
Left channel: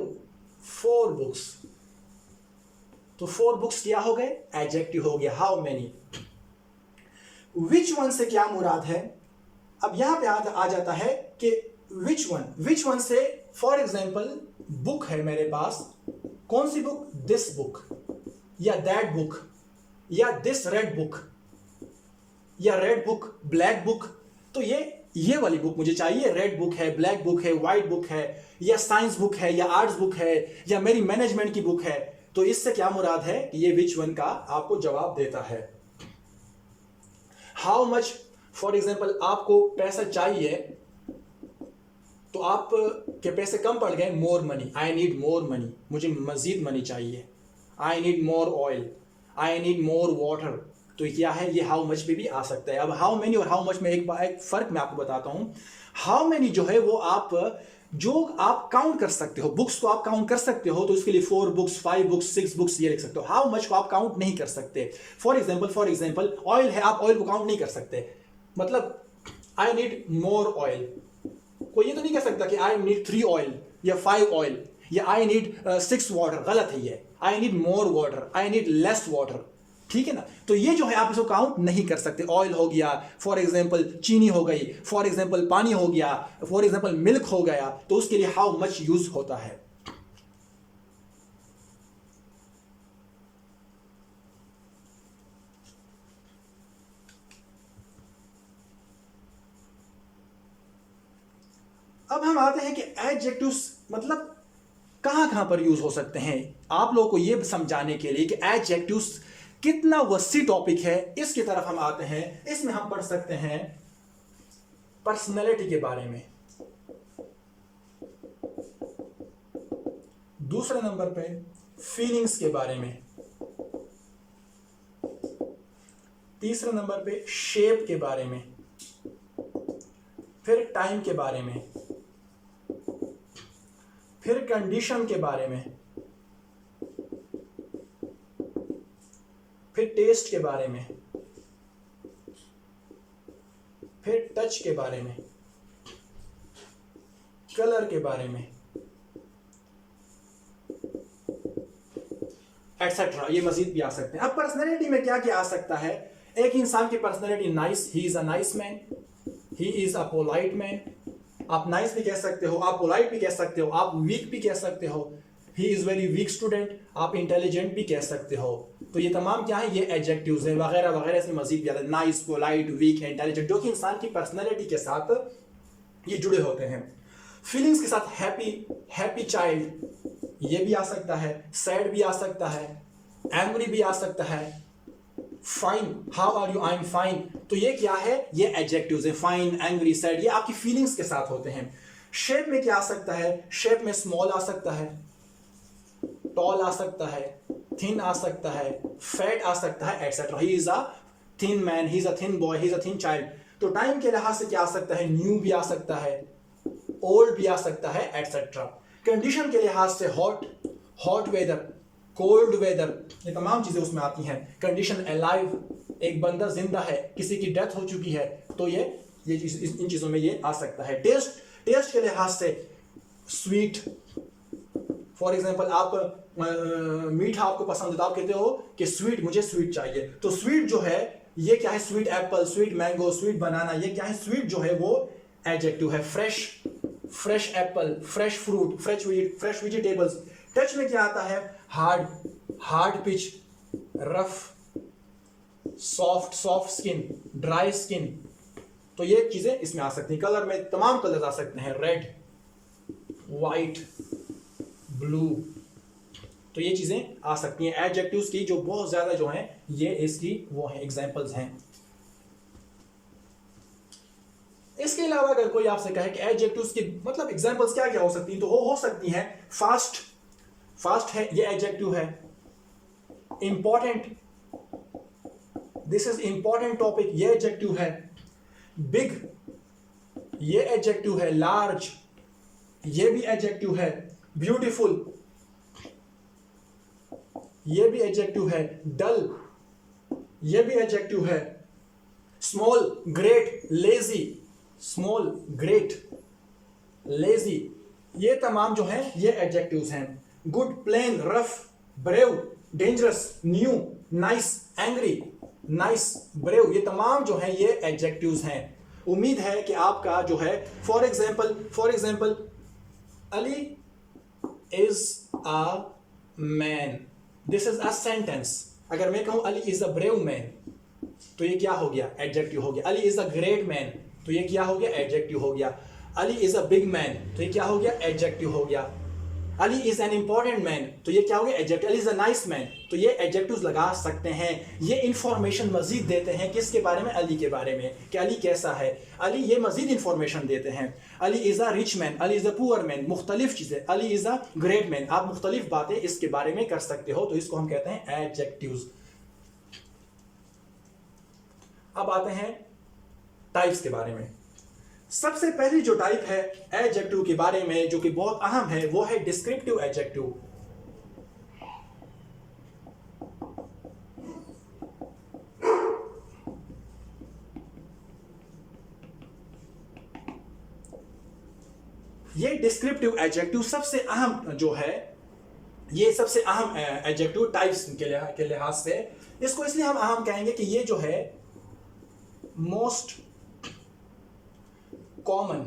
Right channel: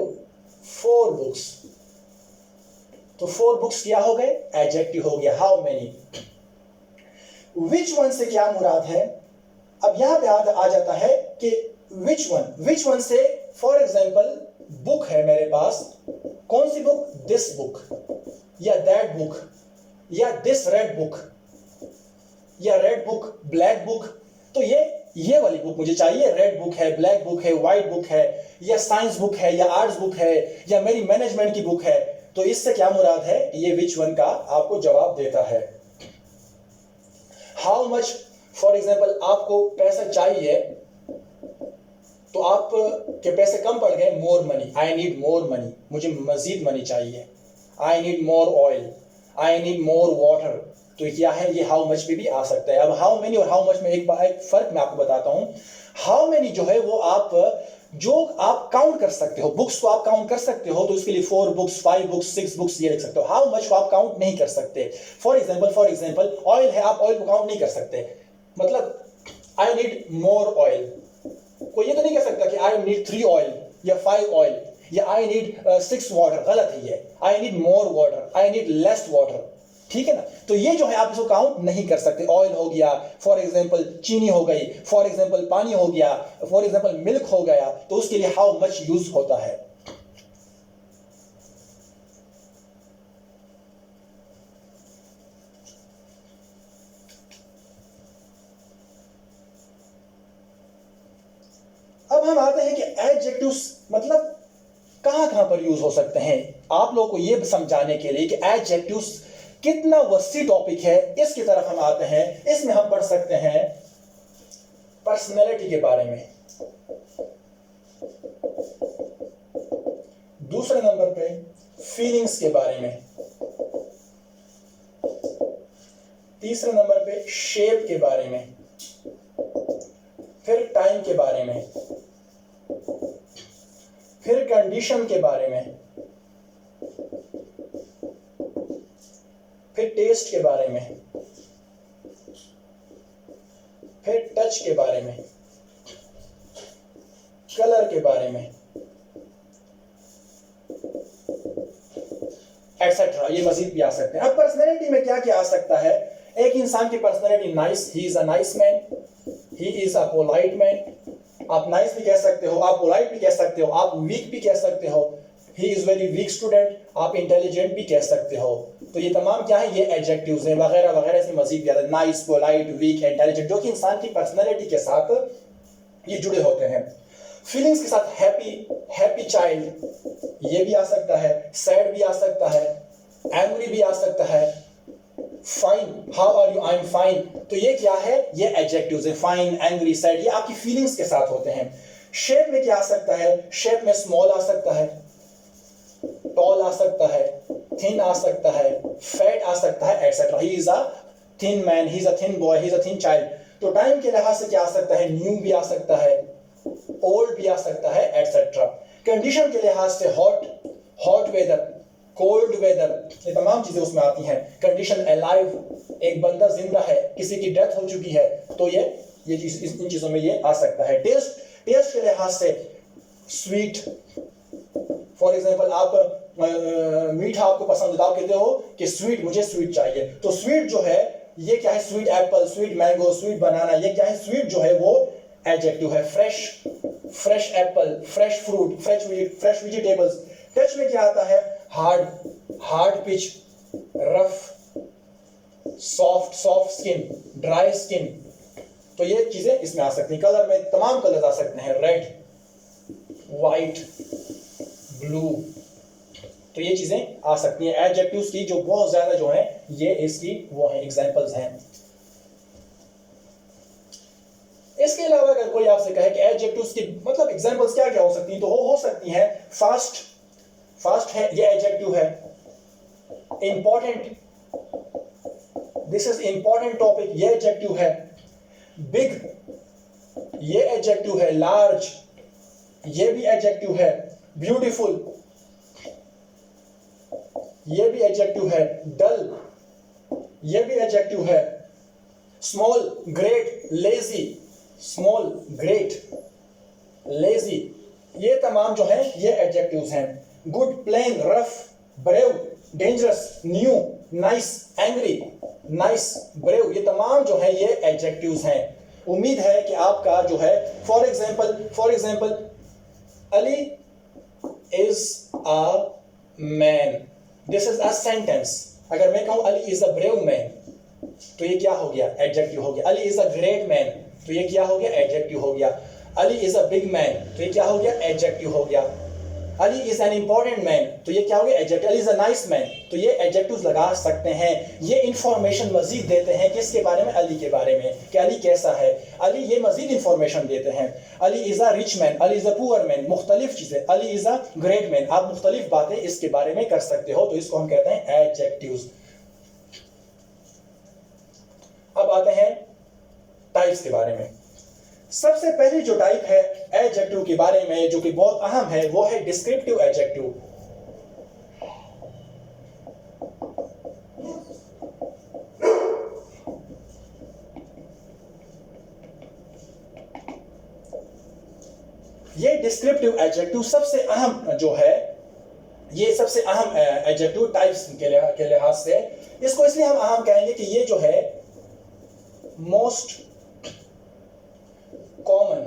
4 बुक्स, तो 4 बुक्स क्या हो गए? एडजेक्टिव हो गया हाउ मेनी। विच वन से क्या मुराद है? अब यहां पे आ जाता है कि विच वन से फॉर एग्जाम्पल बुक है मेरे पास, कौन सी बुक? दिस बुक, या दैट बुक, या दिस रेड बुक, या रेड बुक, ब्लैक बुक, तो ये वाली बुक मुझे चाहिए। रेड बुक है, ब्लैक बुक है, व्हाइट बुक है, या साइंस बुक है, या आर्ट्स बुक है, या मेरी मैनेजमेंट की बुक है। तो इससे क्या मुराद है? ये विच वन का आपको जवाब देता है। हाउ मच, फॉर एग्जाम्पल आपको पैसा चाहिए, तो आप के पैसे कम पड़ गए, more money, I need more money, मुझे मजीद मनी चाहिए। I need more oil, I need more water, तो क्या है? ये हाउ मच में भी आ सकता है। अब हाउ मेनी और हाउ मच में एक फर्क मैं आपको बताता हूं। हाउ मेनी जो है वो आप काउंट कर सकते हो, बुक्स को आप काउंट कर सकते हो, तो उसके लिए 4 बुक्स, 5 बुक्स, 6 बुक्स ये लिख सकते हो। हाउ मच को आप काउंट नहीं कर सकते। फॉर एग्जाम्पल ऑयल है, आप ऑयल को काउंट नहीं कर सकते। मतलब आई नीड मोर ऑयल, कोई ये तो नहीं कह सकता कि आई नीड 3 ऑयल या 5 ऑयल, या आई नीड 6 वाटर, गलत है ये। I need more water, I need less water, ठीक है ना? तो ये जो है आप इसको काउंट नहीं कर सकते। ऑयल हो गया, फॉर एग्जाम्पल चीनी हो गई, फॉर एग्जाम्पल पानी हो गया, फॉर एग्जाम्पल मिल्क हो गया, तो उसके लिए हाउ मच यूज होता है। अब हम आते हैं कि एडजेक्टिव्स मतलब कहां पर यूज हो सकते हैं। आप लोगों को यह समझाने के लिए कि एडजेक्टिव्स कितना वसी टॉपिक है, इसकी तरफ हम आते हैं। इसमें हम पढ़ सकते हैं पर्सनैलिटी के बारे में, दूसरे नंबर पे फीलिंग्स के बारे में, तीसरे नंबर पे शेप के बारे में, फिर टाइम के बारे में, फिर कंडीशन के बारे में, फिर टेस्ट के बारे में, फिर टच के बारे में, कलर के बारे में, एक्सेट्रा। ये मजीद भी आ सकते हैं। अब पर्सनैलिटी में क्या क्या आ सकता है? एक इंसान की personality nice, he is a nice man, he is a polite man. आप नाइस भी कह सकते हो, आप पोलाइट भी कह सकते हो, आप वीक भी कह सकते हो, he is very weak student, आप इंटेलिजेंट भी कह सकते हो। तो ये तमाम क्या है? ये एडजेक्टिव्स हैं वगैरह वगैरह। इसमें मजीद ज्यादा नाइस, पोलाइट, वीक, इंटेलिजेंट, जो कि इंसान की पर्सनैलिटी के साथ ये जुड़े होते हैं। फीलिंग्स के साथ हैप्पी चाइल्ड, ये भी आ सकता है, सैड भी आ सकता है, एंग्री भी आ सकता है, fine, how are you, I am fine. तो ये क्या है? ये एडजेक्टिव्स है। फाइन, एंग्री, सैड, ये आपकी फीलिंग्स के साथ होते हैं। शेप में क्या आ सकता है? शेप में स्मॉल आ सकता है, टॉल आ सकता है, थिन आ सकता है, फैट आ सकता है, etcetera. He is a thin man, he is a thin boy, he is a thin child. तो टाइम के लिहाज से क्या आ सकता है? न्यू भी आ सकता है, ओल्ड भी आ सकता है, एटसेट्रा। कंडीशन के लिहाज से हॉट वेदर, कोल्ड वेदर, ये तमाम चीजें उसमें आती हैं। कंडीशन अलाइव, एक बंदा जिंदा है, किसी की डेथ हो चुकी है, तो ये इन चीजों में ये आ सकता है। टेस्ट के लिहाज से स्वीट, फॉर एग्जाम्पल आप मीठा आपको पसंद है तो आप कहते हो कि स्वीट, मुझे स्वीट चाहिए, तो स्वीट जो है ये क्या है, sweet apple, sweet mango, sweet banana, ये क्या है, स्वीट जो है वो एडजेक्टिव है। Fresh apple, fresh fruit, fresh vegetables. Touch में क्या आता है, hard pitch, rough, soft skin, dry skin, तो ये चीजें इसमें आ सकती हैं। कलर में तमाम कलर आ सकते हैं, रेड, वाइट, ब्लू, तो ये चीजें आ सकती हैं एडजेक्टिव्स की, जो बहुत ज्यादा जो है ये इसकी वो है एग्जांपल्स हैं। इसके अलावा अगर कोई आपसे कहे कि एडजेक्टिव्स की मतलब एग्जांपल्स क्या क्या हो सकती हैं, तो हो सकती हैं फास्ट है, ये एडजेक्टिव है। Important, this is important topic, ये एडजेक्टिव है। बिग, ये एडजेक्टिव है। लार्ज, ये भी एडजेक्टिव है। ब्यूटीफुल, ये भी एडजेक्टिव है। डल, ये भी एडजेक्टिव है। Small, great, lazy, small, great, lazy, ये तमाम जो हैं ये एडजेक्टिव्स हैं। Good, plain, rough, brave, dangerous, new, nice, angry, nice, brave, ये तमाम जो है ये एडजेक्टिव्स हैं। उम्मीद है कि आपका जो है for example Ali is a man, this is a sentence. अगर मैं कहूं Ali is a brave man, तो ये क्या हो गया, एडजेक्टिव हो गया। Ali is a great man, तो ये क्या हो गया, एडजेक्टिव हो गया। Ali is a big man, तो ये क्या हो गया, एडजेक्टिव हो गया। Ali is an important man, तो ये क्या हो गया, adjective. Ali is a nice man, तो ये एडजेक्टिव्स लगा सकते हैं। ये इंफॉर्मेशन मजीद देते हैं किसके बारे में, अली के बारे में, कि अली कैसा है। अली ये मजीद इंफॉर्मेशन देते हैं। Ali is a rich man, Ali is a poor man, मुख्तलिफ चीजें। Ali is a great man, आप मुख्तलिफ बातें इसके बारे में कर सकते हो, तो इसको हम कहते हैं एडजेक्टिव्स। अब आते हैं टाइप्स के बारे में। सबसे पहली जो टाइप है एडजेक्टिव के बारे में जो कि बहुत अहम है, वो है डिस्क्रिप्टिव एडजेक्टिव। ये डिस्क्रिप्टिव एडजेक्टिव सबसे अहम जो है, ये सबसे अहम एडजेक्टिव टाइप्स के लिहाज से। इसको इसलिए हम अहम कहेंगे कि ये जो है मोस्ट कॉमन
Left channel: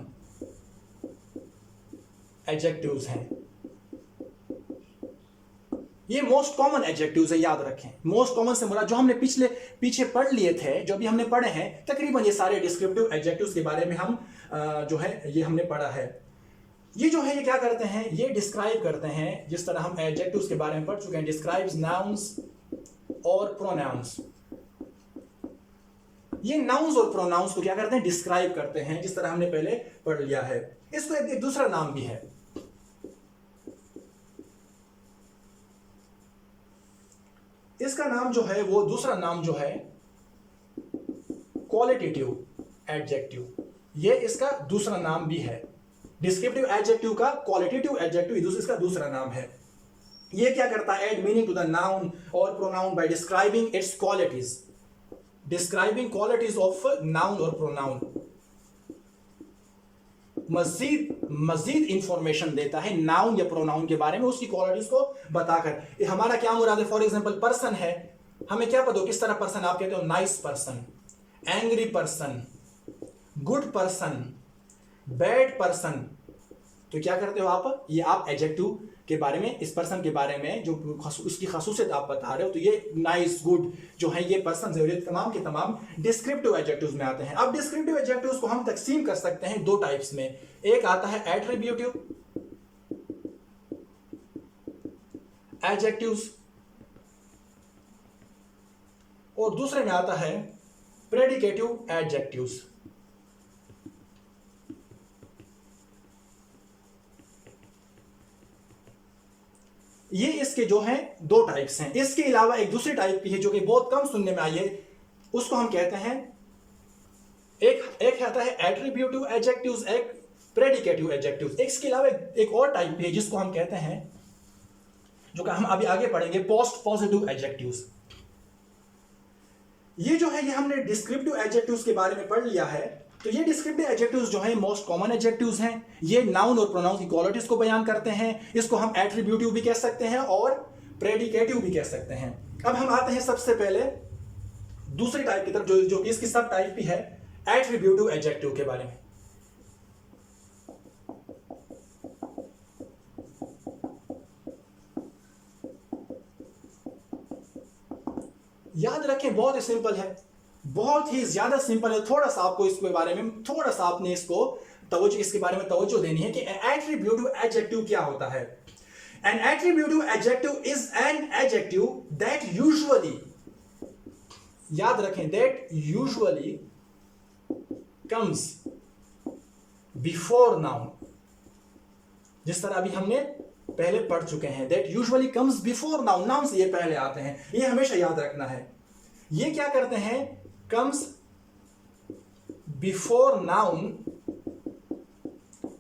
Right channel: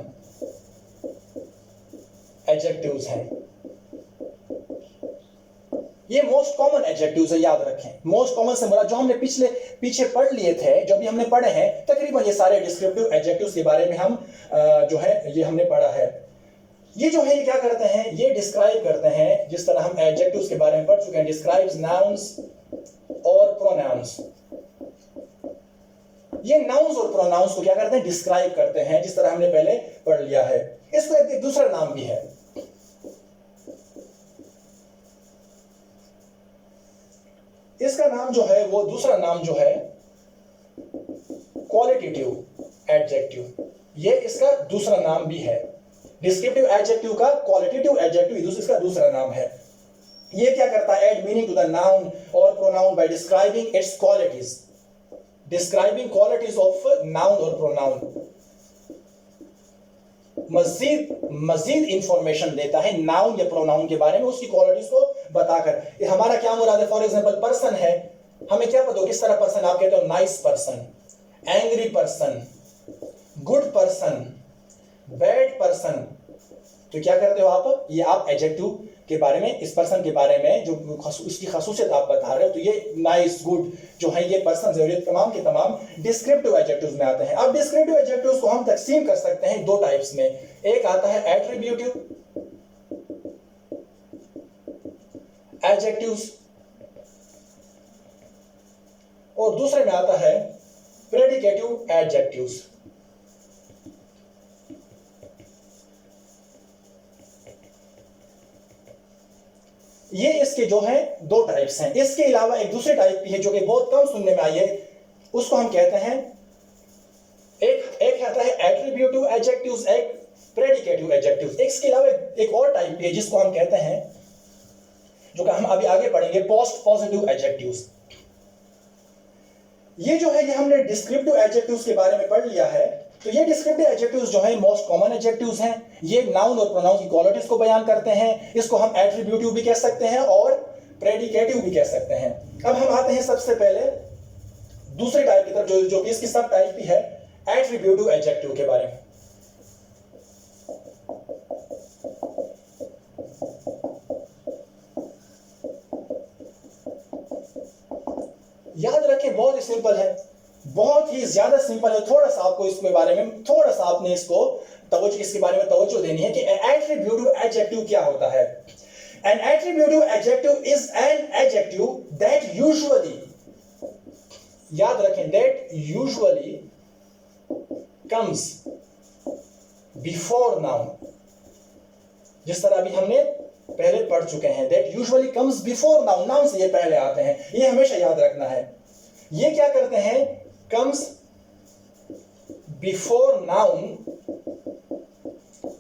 एडजेक्टिव्स हैं। ये मोस्ट कॉमन एडजेक्टिव्स है, याद रखें। मोस्ट कॉमन से मुराद जो हमने पीछे पढ़ लिए थे, जो भी हमने पढ़े हैं, तकरीबन ये सारे डिस्क्रिप्टिव एडजेक्टिव्स के बारे में हम जो है ये हमने पढ़ा है। ये जो है ये क्या करते हैं, ये डिस्क्राइब करते हैं, जिस तरह हम एडजेक्टिव्स के बारे में पढ़ चुके हैं, डिस्क्राइब्स नाउन्स और प्रोनाउंस। ये नाउन्स और प्रोनाउंस को क्या करते हैं, डिस्क्राइब करते हैं, जिस तरह हमने पहले पढ़ लिया है। इसको एक दूसरा नाम भी है, इसका नाम जो है वो दूसरा नाम जो है क्वालिटेटिव एडजेक्टिव। ये इसका दूसरा नाम भी है। डिस्क्रिप्टिव एडजेक्टिव का क्वालिटेटिव एडजेक्टिव इसका दूसरा नाम है। ये क्या करता है, add meaning to the noun और pronoun by describing its qualities. Describing qualities of noun और प्रोनाउन, मजीद इंफॉर्मेशन देता है नाउन या प्रोनाउन के बारे में, उसकी क्वालिटीज को बताकर। ये हमारा क्या मुराद है, फॉर एग्जांपल पर्सन है, हमें क्या पता हो किस तरह पर्सन, आप कहते हो nice person, angry person, good person, bad person, तो क्या करते हो आप, ये आप एडजेक्टिव के बारे में, इस पर्सन के बारे में जो उसकी खासूसियत आप बता रहे हो, तो ये नाइस, गुड जो है ये पर्सन है, तमाम के तमाम डिस्क्रिप्टिव एडजेक्टिव्स में आते हैं। अब डिस्क्रिप्टिव एडजेक्टिव्स को हम तकसीम कर सकते हैं दो टाइप्स में। एक आता है एट्रीब्यूटिव एडजेक्टिव्स और दूसरे में आता है प्रेडिकेटिव एडजेक्टिव्स। ये इसके जो है दो टाइप्स हैं। इसके अलावा एक दूसरी टाइप भी है जो कि बहुत कम सुनने में आई है, उसको हम कहते हैं, एक आता है एट्रीब्यूटिव एडजेक्टिव्स, एक प्रेडिकेटिव एडजेक्टिव्स। इसके अलावा एक और टाइप भी है जिसको हम कहते हैं जो कि हम अभी आगे पढ़ेंगे, पोस्ट पॉजिटिव एडजेक्टिव्स। ये जो है ये हमने डिस्क्रिप्टिव एडजेक्टिव्स के बारे में पढ़ लिया है। तो ये डिस्क्रिप्टिव एडजेक्टिव्स जो है मोस्ट कॉमन एडजेक्टिव्स हैं। ये नाउन और प्रोनाउन की क्वालिटीज को बयान करते हैं। इसको हम एट्रीब्यूटिव भी कह सकते हैं और प्रेडिकेटिव भी कह सकते हैं। अब हम आते हैं सबसे पहले दूसरे टाइप की तरफ, जो कि इसकी सब टाइप भी है, एट्रीब्यूटिव एडजेक्टिव के बारे में। याद रखें बहुत ही सिंपल है, बहुत ही ज्यादा सिंपल है। थोड़ा सा आपको इसके बारे में थोड़ा सा आपने इसके बारे में तवज्जो देनी है कि एट्रीब्यूटिव एडजेक्टिव क्या होता है। An attributive adjective is an adjective that usually, याद रखें, that usually comes before noun। जिस तरह अभी हमने पहले पढ़ चुके हैं, that usually comes before noun, noun से ये पहले आते हैं, ये हमेशा याद रखना है। ये क्या करते हैं, comes before noun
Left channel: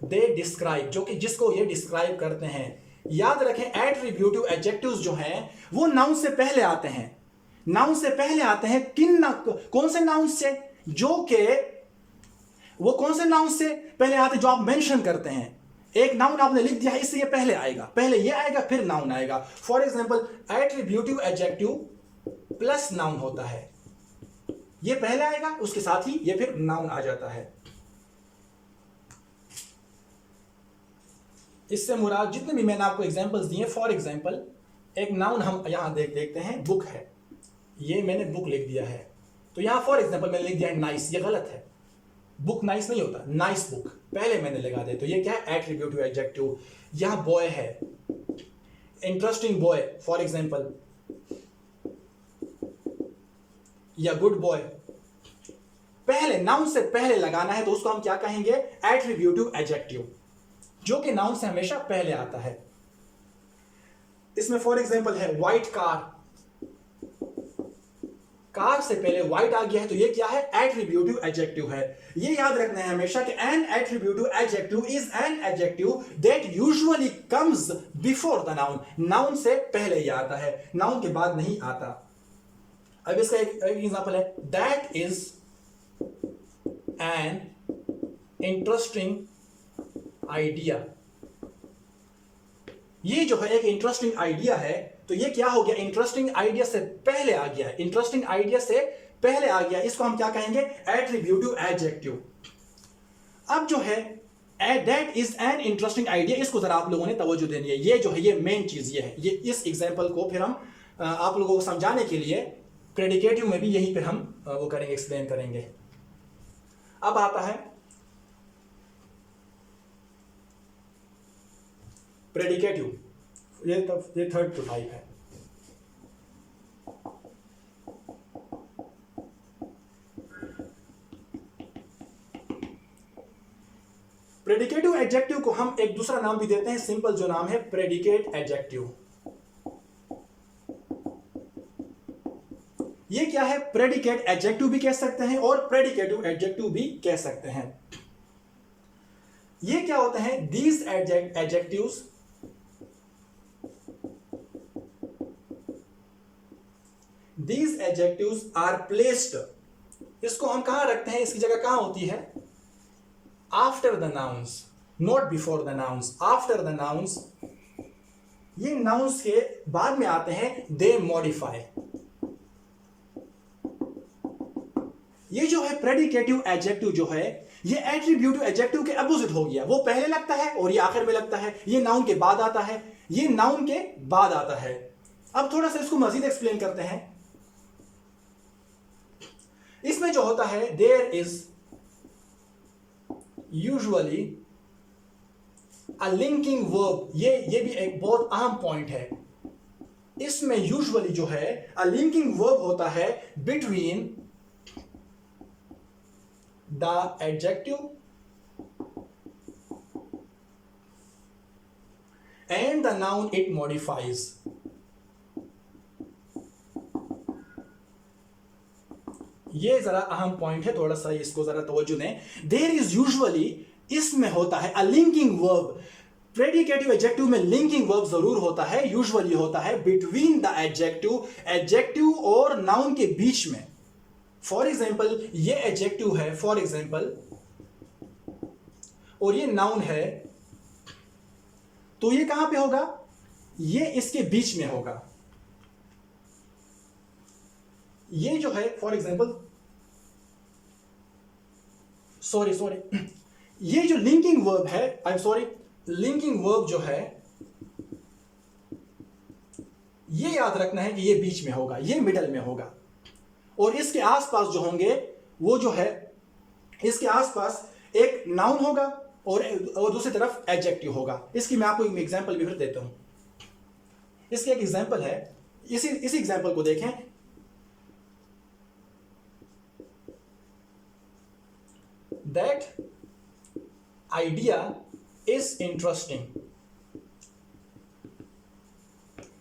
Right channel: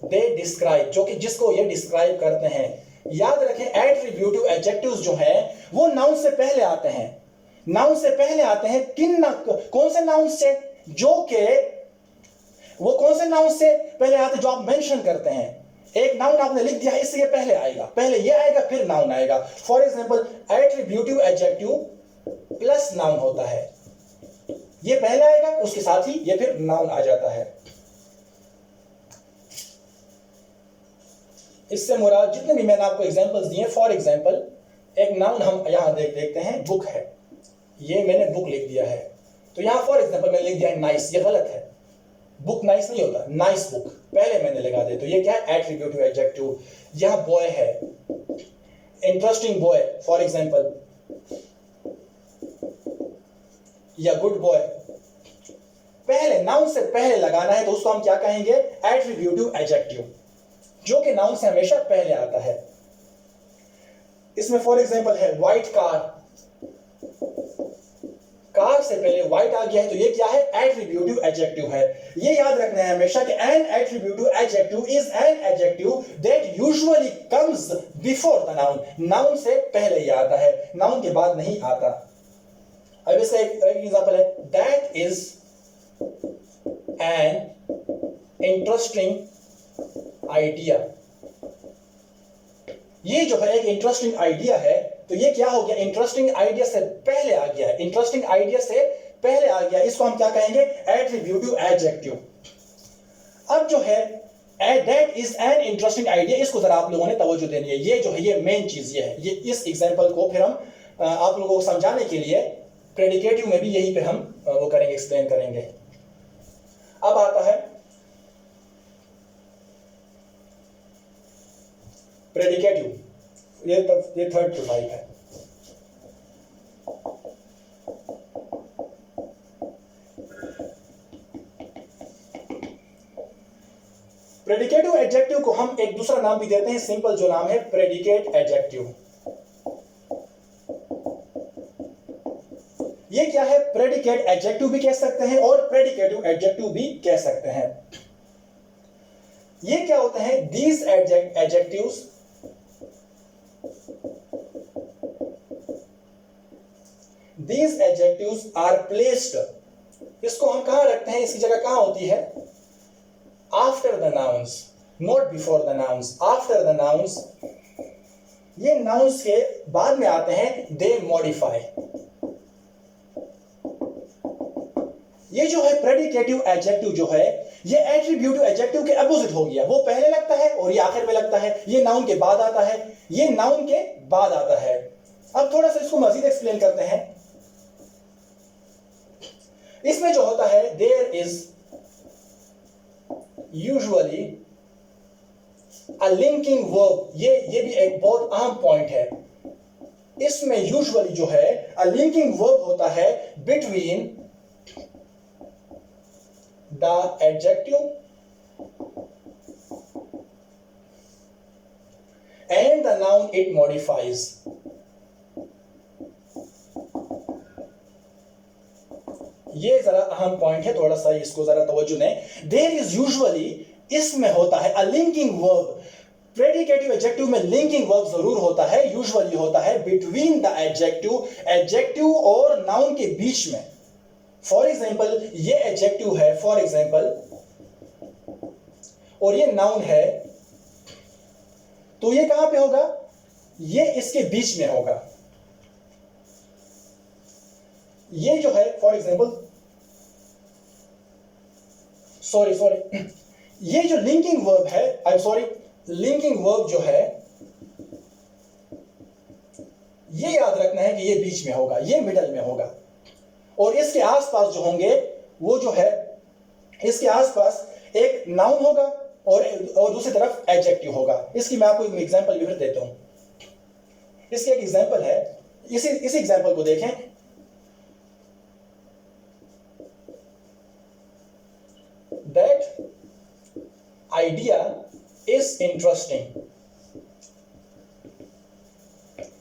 they describe, जो कि जिसको ये डिस्क्राइब करते हैं। याद रखें एट्रीब्यूटिव एडजेक्टिव्स जो हैं वो नाउन से पहले आते हैं। नाउन से पहले आते हैं कौन से नाउन से, वो कौन से नाउन से पहले आते हैं जो आप मेंशन करते हैं। एक नाउन आपने लिख दिया, इससे ये पहले आएगा, पहले ये आएगा फिर नाउन आएगा। For example attributive adjective plus noun होता है, ये पहले आएगा उसके साथ ही ये फिर नाउन आ जाता है। इससे मुराद जितने भी मैंने आपको एग्जांपल्स दिए, फॉर एग्जांपल एक नाउन हम यहां देखते हैं, बुक है, ये मैंने बुक लिख दिया है, तो यहां फॉर एग्जांपल मैंने लिख दिया है नाइस, ये गलत है, बुक नाइस नहीं होता, नाइस बुक पहले मैंने लगा दिया, तो ये क्या है, एट्रीब्यूटिव एडजेक्टिव। यहां बॉय है, इंटरेस्टिंग बॉय फॉर एग्जांपल, या गुड बॉय, पहले नाउन से पहले लगाना है तो उसको हम क्या कहेंगे, एट्रीब्यूटिव एडजेक्टिव, जो कि नाउन से हमेशा पहले आता है। इसमें फॉर एग्जांपल है व्हाइट कार, कार से पहले व्हाइट आ गया है तो ये क्या है, एट्रीब्यूटिव एडजेक्टिव है। ये याद रखना है हमेशा कि an attributive adjective is an adjective that usually comes before the noun, noun से पहले ही आता है, नाउन के बाद नहीं आता। अब इसका एक एग्जांपल है, that is an interesting idea, ये जो है एक इंटरेस्टिंग आइडिया है, तो ये क्या हो गया, इंटरेस्टिंग आइडिया से पहले आ गया, इंटरेस्टिंग आइडिया से पहले आ गया, इसको हम क्या कहेंगे, एट्रीब्यूटिव एडजेक्टिव। अब जो है that is an interesting idea, इसको जरा आप लोगों ने तवज्जो देनी है। ये जो है ये मेन चीज ये है, ये इस एग्जांपल को फिर हम आप लोगों को समझाने के लिए प्रेडिकेटिव में भी यहीं पे हम वो करेंगे, एक्सप्लेन करेंगे। अब आता है प्रेडिकेटिव, ये थर्ड टाइप है। प्रेडिकेटिव एडजेक्टिव को हम एक दूसरा नाम भी देते हैं, सिंपल जो नाम है प्रेडिकेट एडजेक्टिव। ये क्या है, प्रेडिकेट एडजेक्टिव भी कह सकते हैं और प्रेडिकेटिव एडजेक्टिव भी कह सकते हैं। ये क्या होते हैं, these adjectives These adjectives are placed, इसको हम कहां रखते हैं, इसकी जगह कहां होती है, after the nouns, not before the nouns, after the nouns, ये nouns के बाद में आते हैं, they modify। ये जो है प्रेडिकेटिव एडजेक्टिव जो है ये एट्रीब्यूटिव एडजेक्टिव के अपोजिट हो गया, वो पहले लगता है और ये आखिर में लगता है, ये नाउन के बाद आता है, ये नाउन के बाद आता है। अब थोड़ा सा इसको मजीद एक्सप्लेन करते हैं। इसमें जो होता है, there is usually a linking verb, ये भी एक बहुत अहम पॉइंट है। इसमें यूजुअली जो है अ लिंकिंग वर्ब होता है between the adjective and the noun it modifies. ये जरा अहम पॉइंट है, थोड़ा सा इसको जरा तवज्जो दें। देयर इज यूजुअली, इसमें होता है अ लिंकिंग वर्ब, प्रेडिकेटिव एडजेक्टिव में लिंकिंग वर्ब जरूर होता है, यूजुअली होता है बिटवीन द एडजेक्टिव और नाउन के बीच में। फॉर एग्जाम्पल ये एडजेक्टिव है फॉर एग्जाम्पल, और ये नाउन है, तो ये कहां पे होगा? ये इसके बीच में होगा। ये जो है फॉर एग्जाम्पल, सॉरी ये जो लिंकिंग वर्ब है, I am sorry, linking verb जो है ये याद रखना है कि ये बीच में होगा, ये मिडल में होगा, और इसके आसपास जो होंगे वो जो है, इसके आसपास एक नाउन होगा और दूसरी तरफ एडजेक्टिव होगा। इसकी मैं आपको एक एग्जांपल भी फिर देता हूं। इसकी एक एग्जांपल है, इसी एग्जांपल को देखें। That idea is interesting.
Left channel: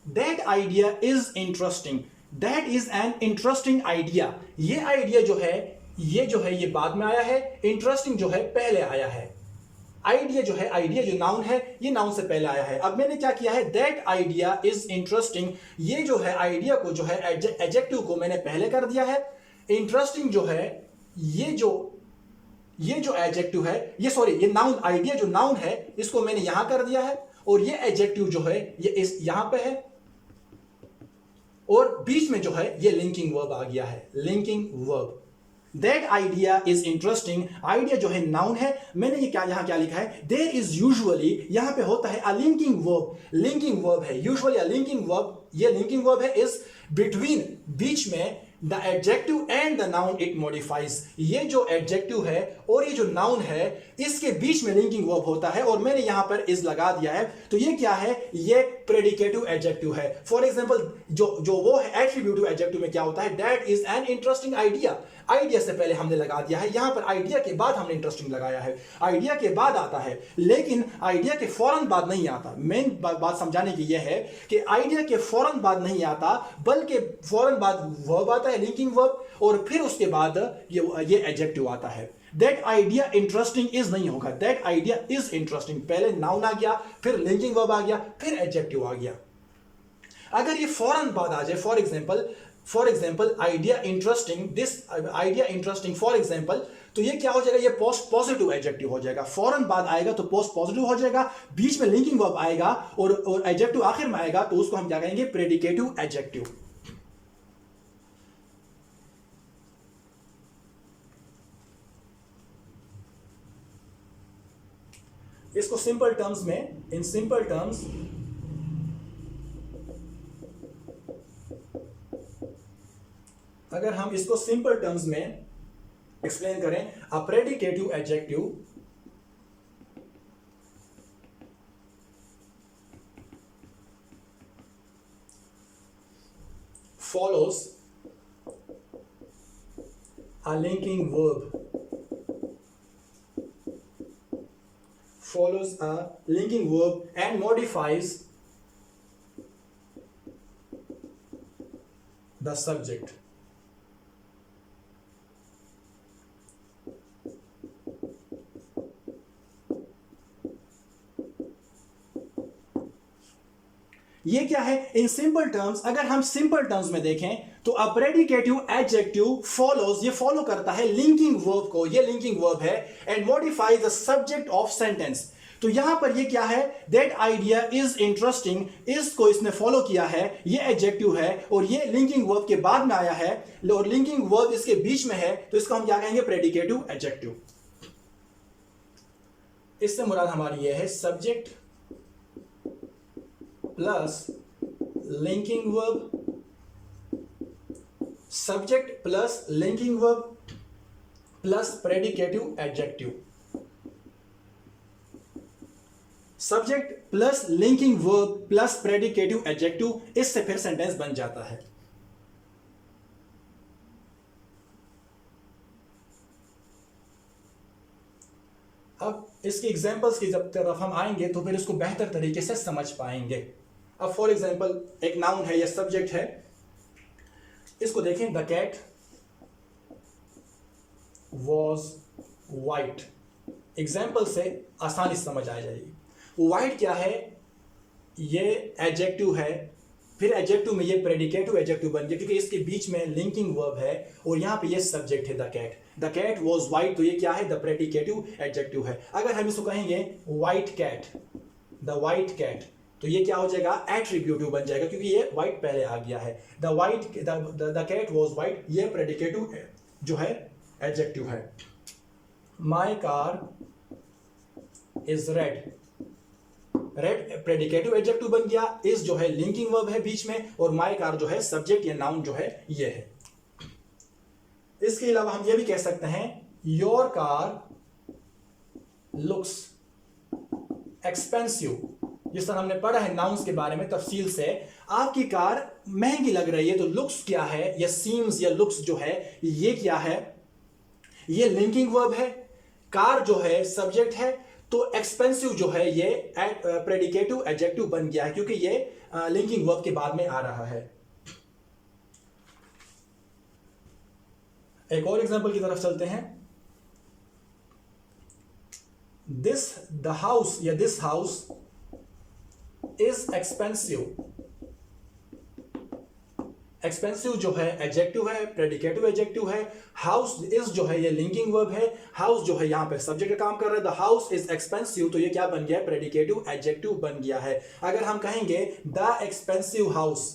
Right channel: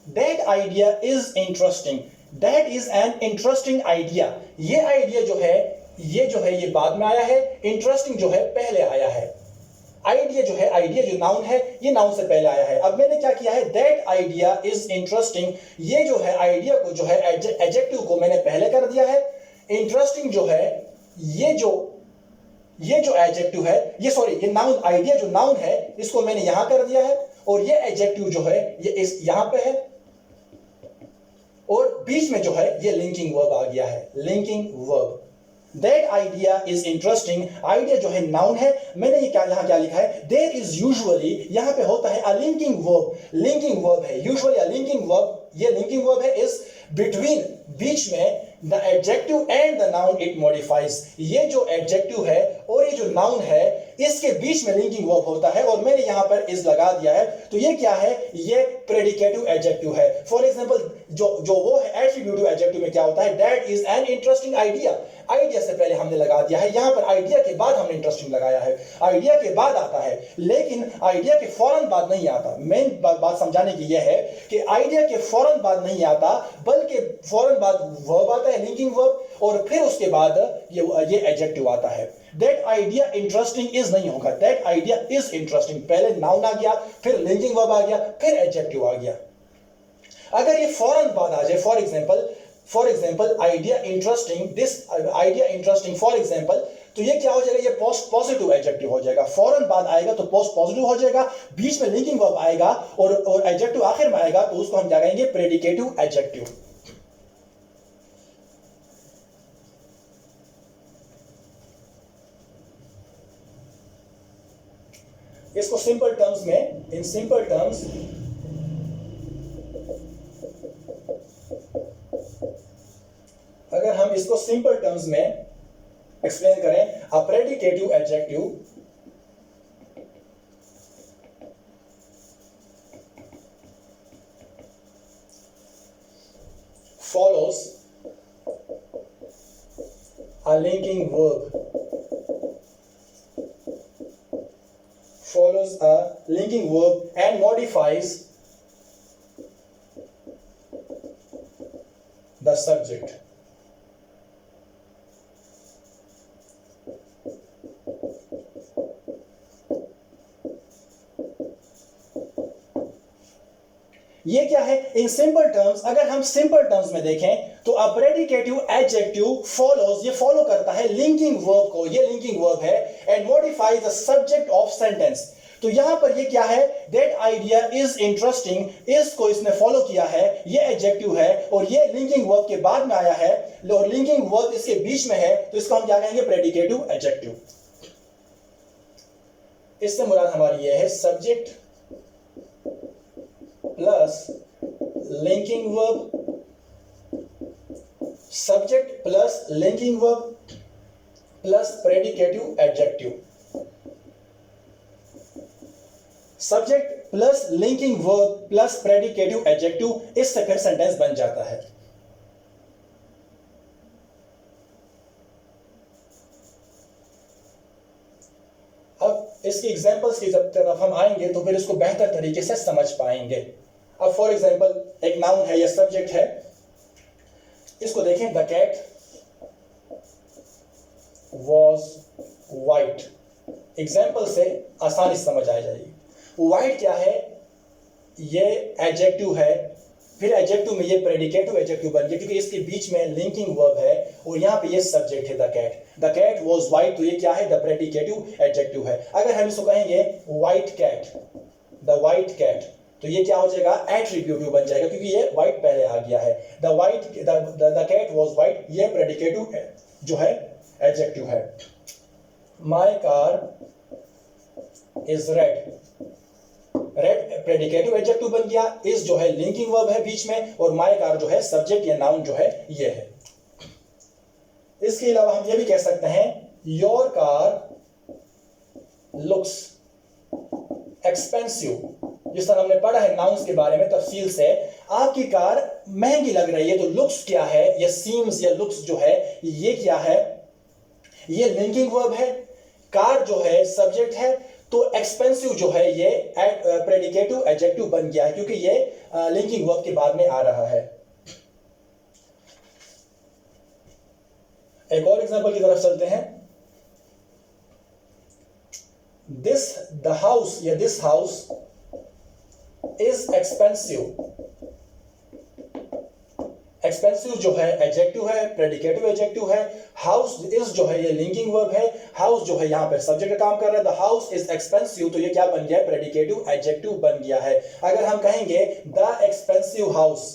That idea is interesting. That is an interesting idea. ये आइडिया जो है ये बाद में आया है, इंटरेस्टिंग जो है पहले आया है। आइडिया जो नाउन है, ये नाउन से पहले आया है। अब मैंने क्या किया है, दैट आइडिया इज इंटरेस्टिंग, ये जो है आइडिया को जो है एडजेक्टिव को मैंने पहले कर दिया है। इंटरेस्टिंग जो है ये जो एडजेक्टिव है, ये नाउन, आइडिया जो नाउन है इसको मैंने यहां कर दिया है, और ये एडजेक्टिव जो है ये इस यहां पे है, और बीच में जो है ये लिंकिंग वर्ब आ गया है, linking verb. That idea is interesting, idea जो है नाउन है, मैंने ये यहां क्या लिखा है, देयर इज यूजुअली, यहां पे होता है अ लिंकिंग वर्ब, लिंकिंग वर्ब है यूजुअली अ लिंकिंग वर्ब, ये लिंकिंग वर्ब है, इज बिटवीन, बीच में, the adjective and the noun it modifies. ये जो एडजेक्टिव है और ये जो नाउन है इसके बीच में लिंकिंग वर्ब होता है, और मैंने यहां पर इज लगा दिया है, तो ये क्या है, ये प्रेडिकेटिव एडजेक्टिव है। फॉर एग्जांपल जो वो है एट्रीब्यूटिव एडजेक्टिव में क्या होता है, that is an interesting idea. Idea से पहले हमने लगा दिया है, यहां पर आइडिया के बाद हमने इंटरेस्टिंग लगाया है, आइडिया के बाद आता है, लेकिन आइडिया के फौरन बाद नहीं आता। मेन बात समझाने की यह है कि आइडिया के फौरन बाद नहीं आता, बल्कि फौरन बाद वर्ब आता है, लिंकिंग वर्ब, और फिर उसके बाद ये एडजेक्टिव आता है। दैट आइडिया इंटरेस्टिंग इज नहीं होगा, दैट आइडिया इज इंटरेस्टिंग, पहले नाउन आ गया, फिर लिंकिंग वर्ब आ गया, फिर एडजेक्टिव आ गया। अगर ये फौरन बाद आ जाए, for example idea interesting, this idea interesting for example, तो ये क्या हो जाएगा, ये पोस्ट पॉजिटिव एडजेक्टिव हो जाएगा। फौरन बाद आएगा तो पोस्ट पॉजिटिव हो जाएगा, बीच में लिंकिंग वर्ब आएगा और एडजेक्टिव आखिर में आएगा, तो उसको हम क्या कहेंगे, प्रेडिकेटिव एडजेक्टिव। इसको सिंपल टर्म्स में, इन सिंपल टर्म्स, अगर हम इसको सिंपल टर्म्स में एक्सप्लेन करें, a predicative adjective follows a linking verb, and modifies the subject. ये क्या है, इन सिंपल टर्म्स, अगर हम सिंपल टर्म्स में देखें तो अ प्रेडिकेटिव एडजेक्टिव फॉलोज, ये फॉलो करता है लिंकिंग वर्ब को, ये लिंकिंग वर्ब है, and modifies the subject of sentence. तो यहां पर ये क्या है, दैट आइडिया इज इंटरेस्टिंग, इसको इसने फॉलो किया है, ये एडजेक्टिव है, और ये लिंकिंग वर्ब के बाद में आया है, और लिंकिंग वर्ब इसके बीच में है, तो इसको हम क्या कहेंगे, प्रेडिकेटिव एडजेक्टिव। इससे मुराद हमारी ये है subject plus linking verb, subject plus linking verb plus predicative adjective, subject plus linking verb plus predicative adjective, इससे फिर सेंटेंस बन जाता है। अब इसकी एग्जांपल्स की जब तरफ हम आएंगे तो फिर इसको बेहतर तरीके से समझ पाएंगे। अब फॉर एग्जांपल एक नाउन है या सब्जेक्ट है, इसको देखें, the cat was white. Example से आसानी समझ आ जाएगी। वाइट क्या है, ये एडजेक्टिव है, फिर एडजेक्टिव में ये प्रेडिकेटिव एडजेक्टिव बन गया क्योंकि इसके बीच में लिंकिंग वर्ब है और यहाँ पे ये सब्जेक्ट है द कैट वाज वाइट, तो ये क्या है, द प्रेडिकेटिव एडजेक्टिव है। अगर हम इसको कहेंगे white cat, the white cat, तो ये क्या हो जाएगा, एट्रीब्यूटिव बन जाएगा क्योंकि ये वाइट पहले आ गया है। द कैट वाज वाइट, ये प्रेडिकेटिव जो है एडजेक्टिव है। My car is red, red predicative adjective बन गया, इज जो है लिंकिंग वर्ब है बीच में, और माय कार जो है सब्जेक्ट या नाउन जो है ये है। इसके अलावा हम ये भी कह सकते हैं योर कार लुक्स एक्सपेंसिव, जिस तरह हमने पढ़ा है नाउन्स के बारे में तफसील से, आपकी कार महंगी लग रही है, तो लुक्स क्या है, या सीम्स या लुक्स जो है ये क्या है, ये लिंकिंग वर्ब है, कार जो है सब्जेक्ट है, तो एक्सपेंसिव जो है ये प्रेडिकेटिव एडजेक्टिव बन गया है क्योंकि ये लिंकिंग वर्ब के बाद में आ रहा है। एक और एग्जांपल की तरफ चलते हैं। द हाउस या this house is expensive, expensive जो है एडजेक्टिव है, प्रेडिकेटिव एडजेक्टिव है, हाउस इज जो है ये लिंकिंग वर्ब है, हाउस जो है यहां पर सब्जेक्ट का काम कर रहा है, द हाउस इज एक्सपेंसिव, तो ये क्या बन गया है, प्रेडिकेटिव एडजेक्टिव बन गया है। अगर हम कहेंगे द एक्सपेंसिव हाउस,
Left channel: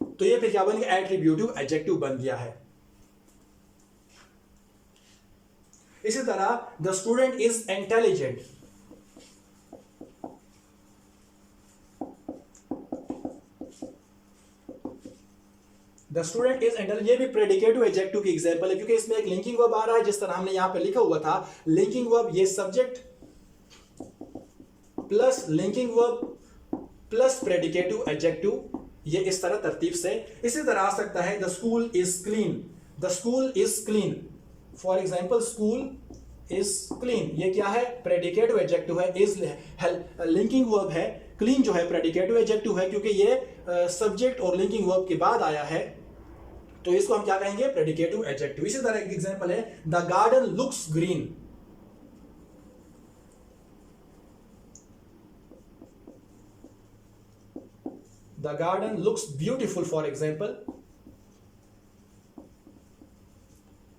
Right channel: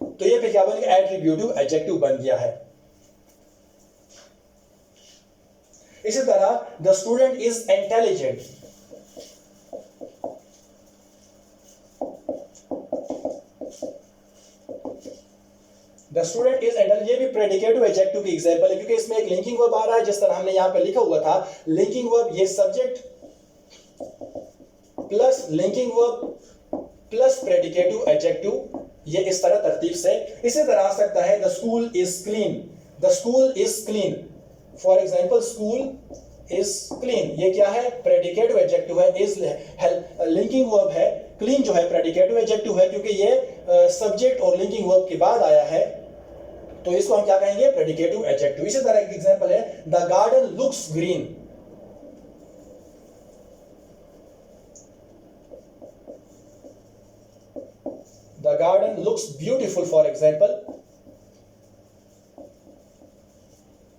तो ये फिर क्या बन गया, एट्रीब्यूटिव एडजेक्टिव बन गया है। इसी तरह the student is intelligent, the student is intelligent, ये भी प्रेडिकेटिव एडजेक्टिव की एग्जांपल है क्योंकि इसमें एक लिंकिंग वर्ब आ रहा है, जिस तरह हमने यहां पे लिखा हुआ था लिंकिंग वर्ब, ये subject plus linking verb plus predicative adjective, ये इस तरह तरतीब से। इसी तरह आ सकता है the school is clean, the school is clean, for example school is clean, ये क्या है, प्रेडिकेटिव एडजेक्टिव है, इज लिंकिंग वर्ब है, क्लीन जो है प्रेडिकेटिव एडजेक्टिव है क्योंकि ये सब्जेक्ट और लिंकिंग वर्ब के बाद आया है, तो इसको हम क्या कहेंगे, प्रेडिकेटिव एडजेक्टिव। इसी तरह एक एग्जांपल है the garden looks green, the garden looks beautiful for example,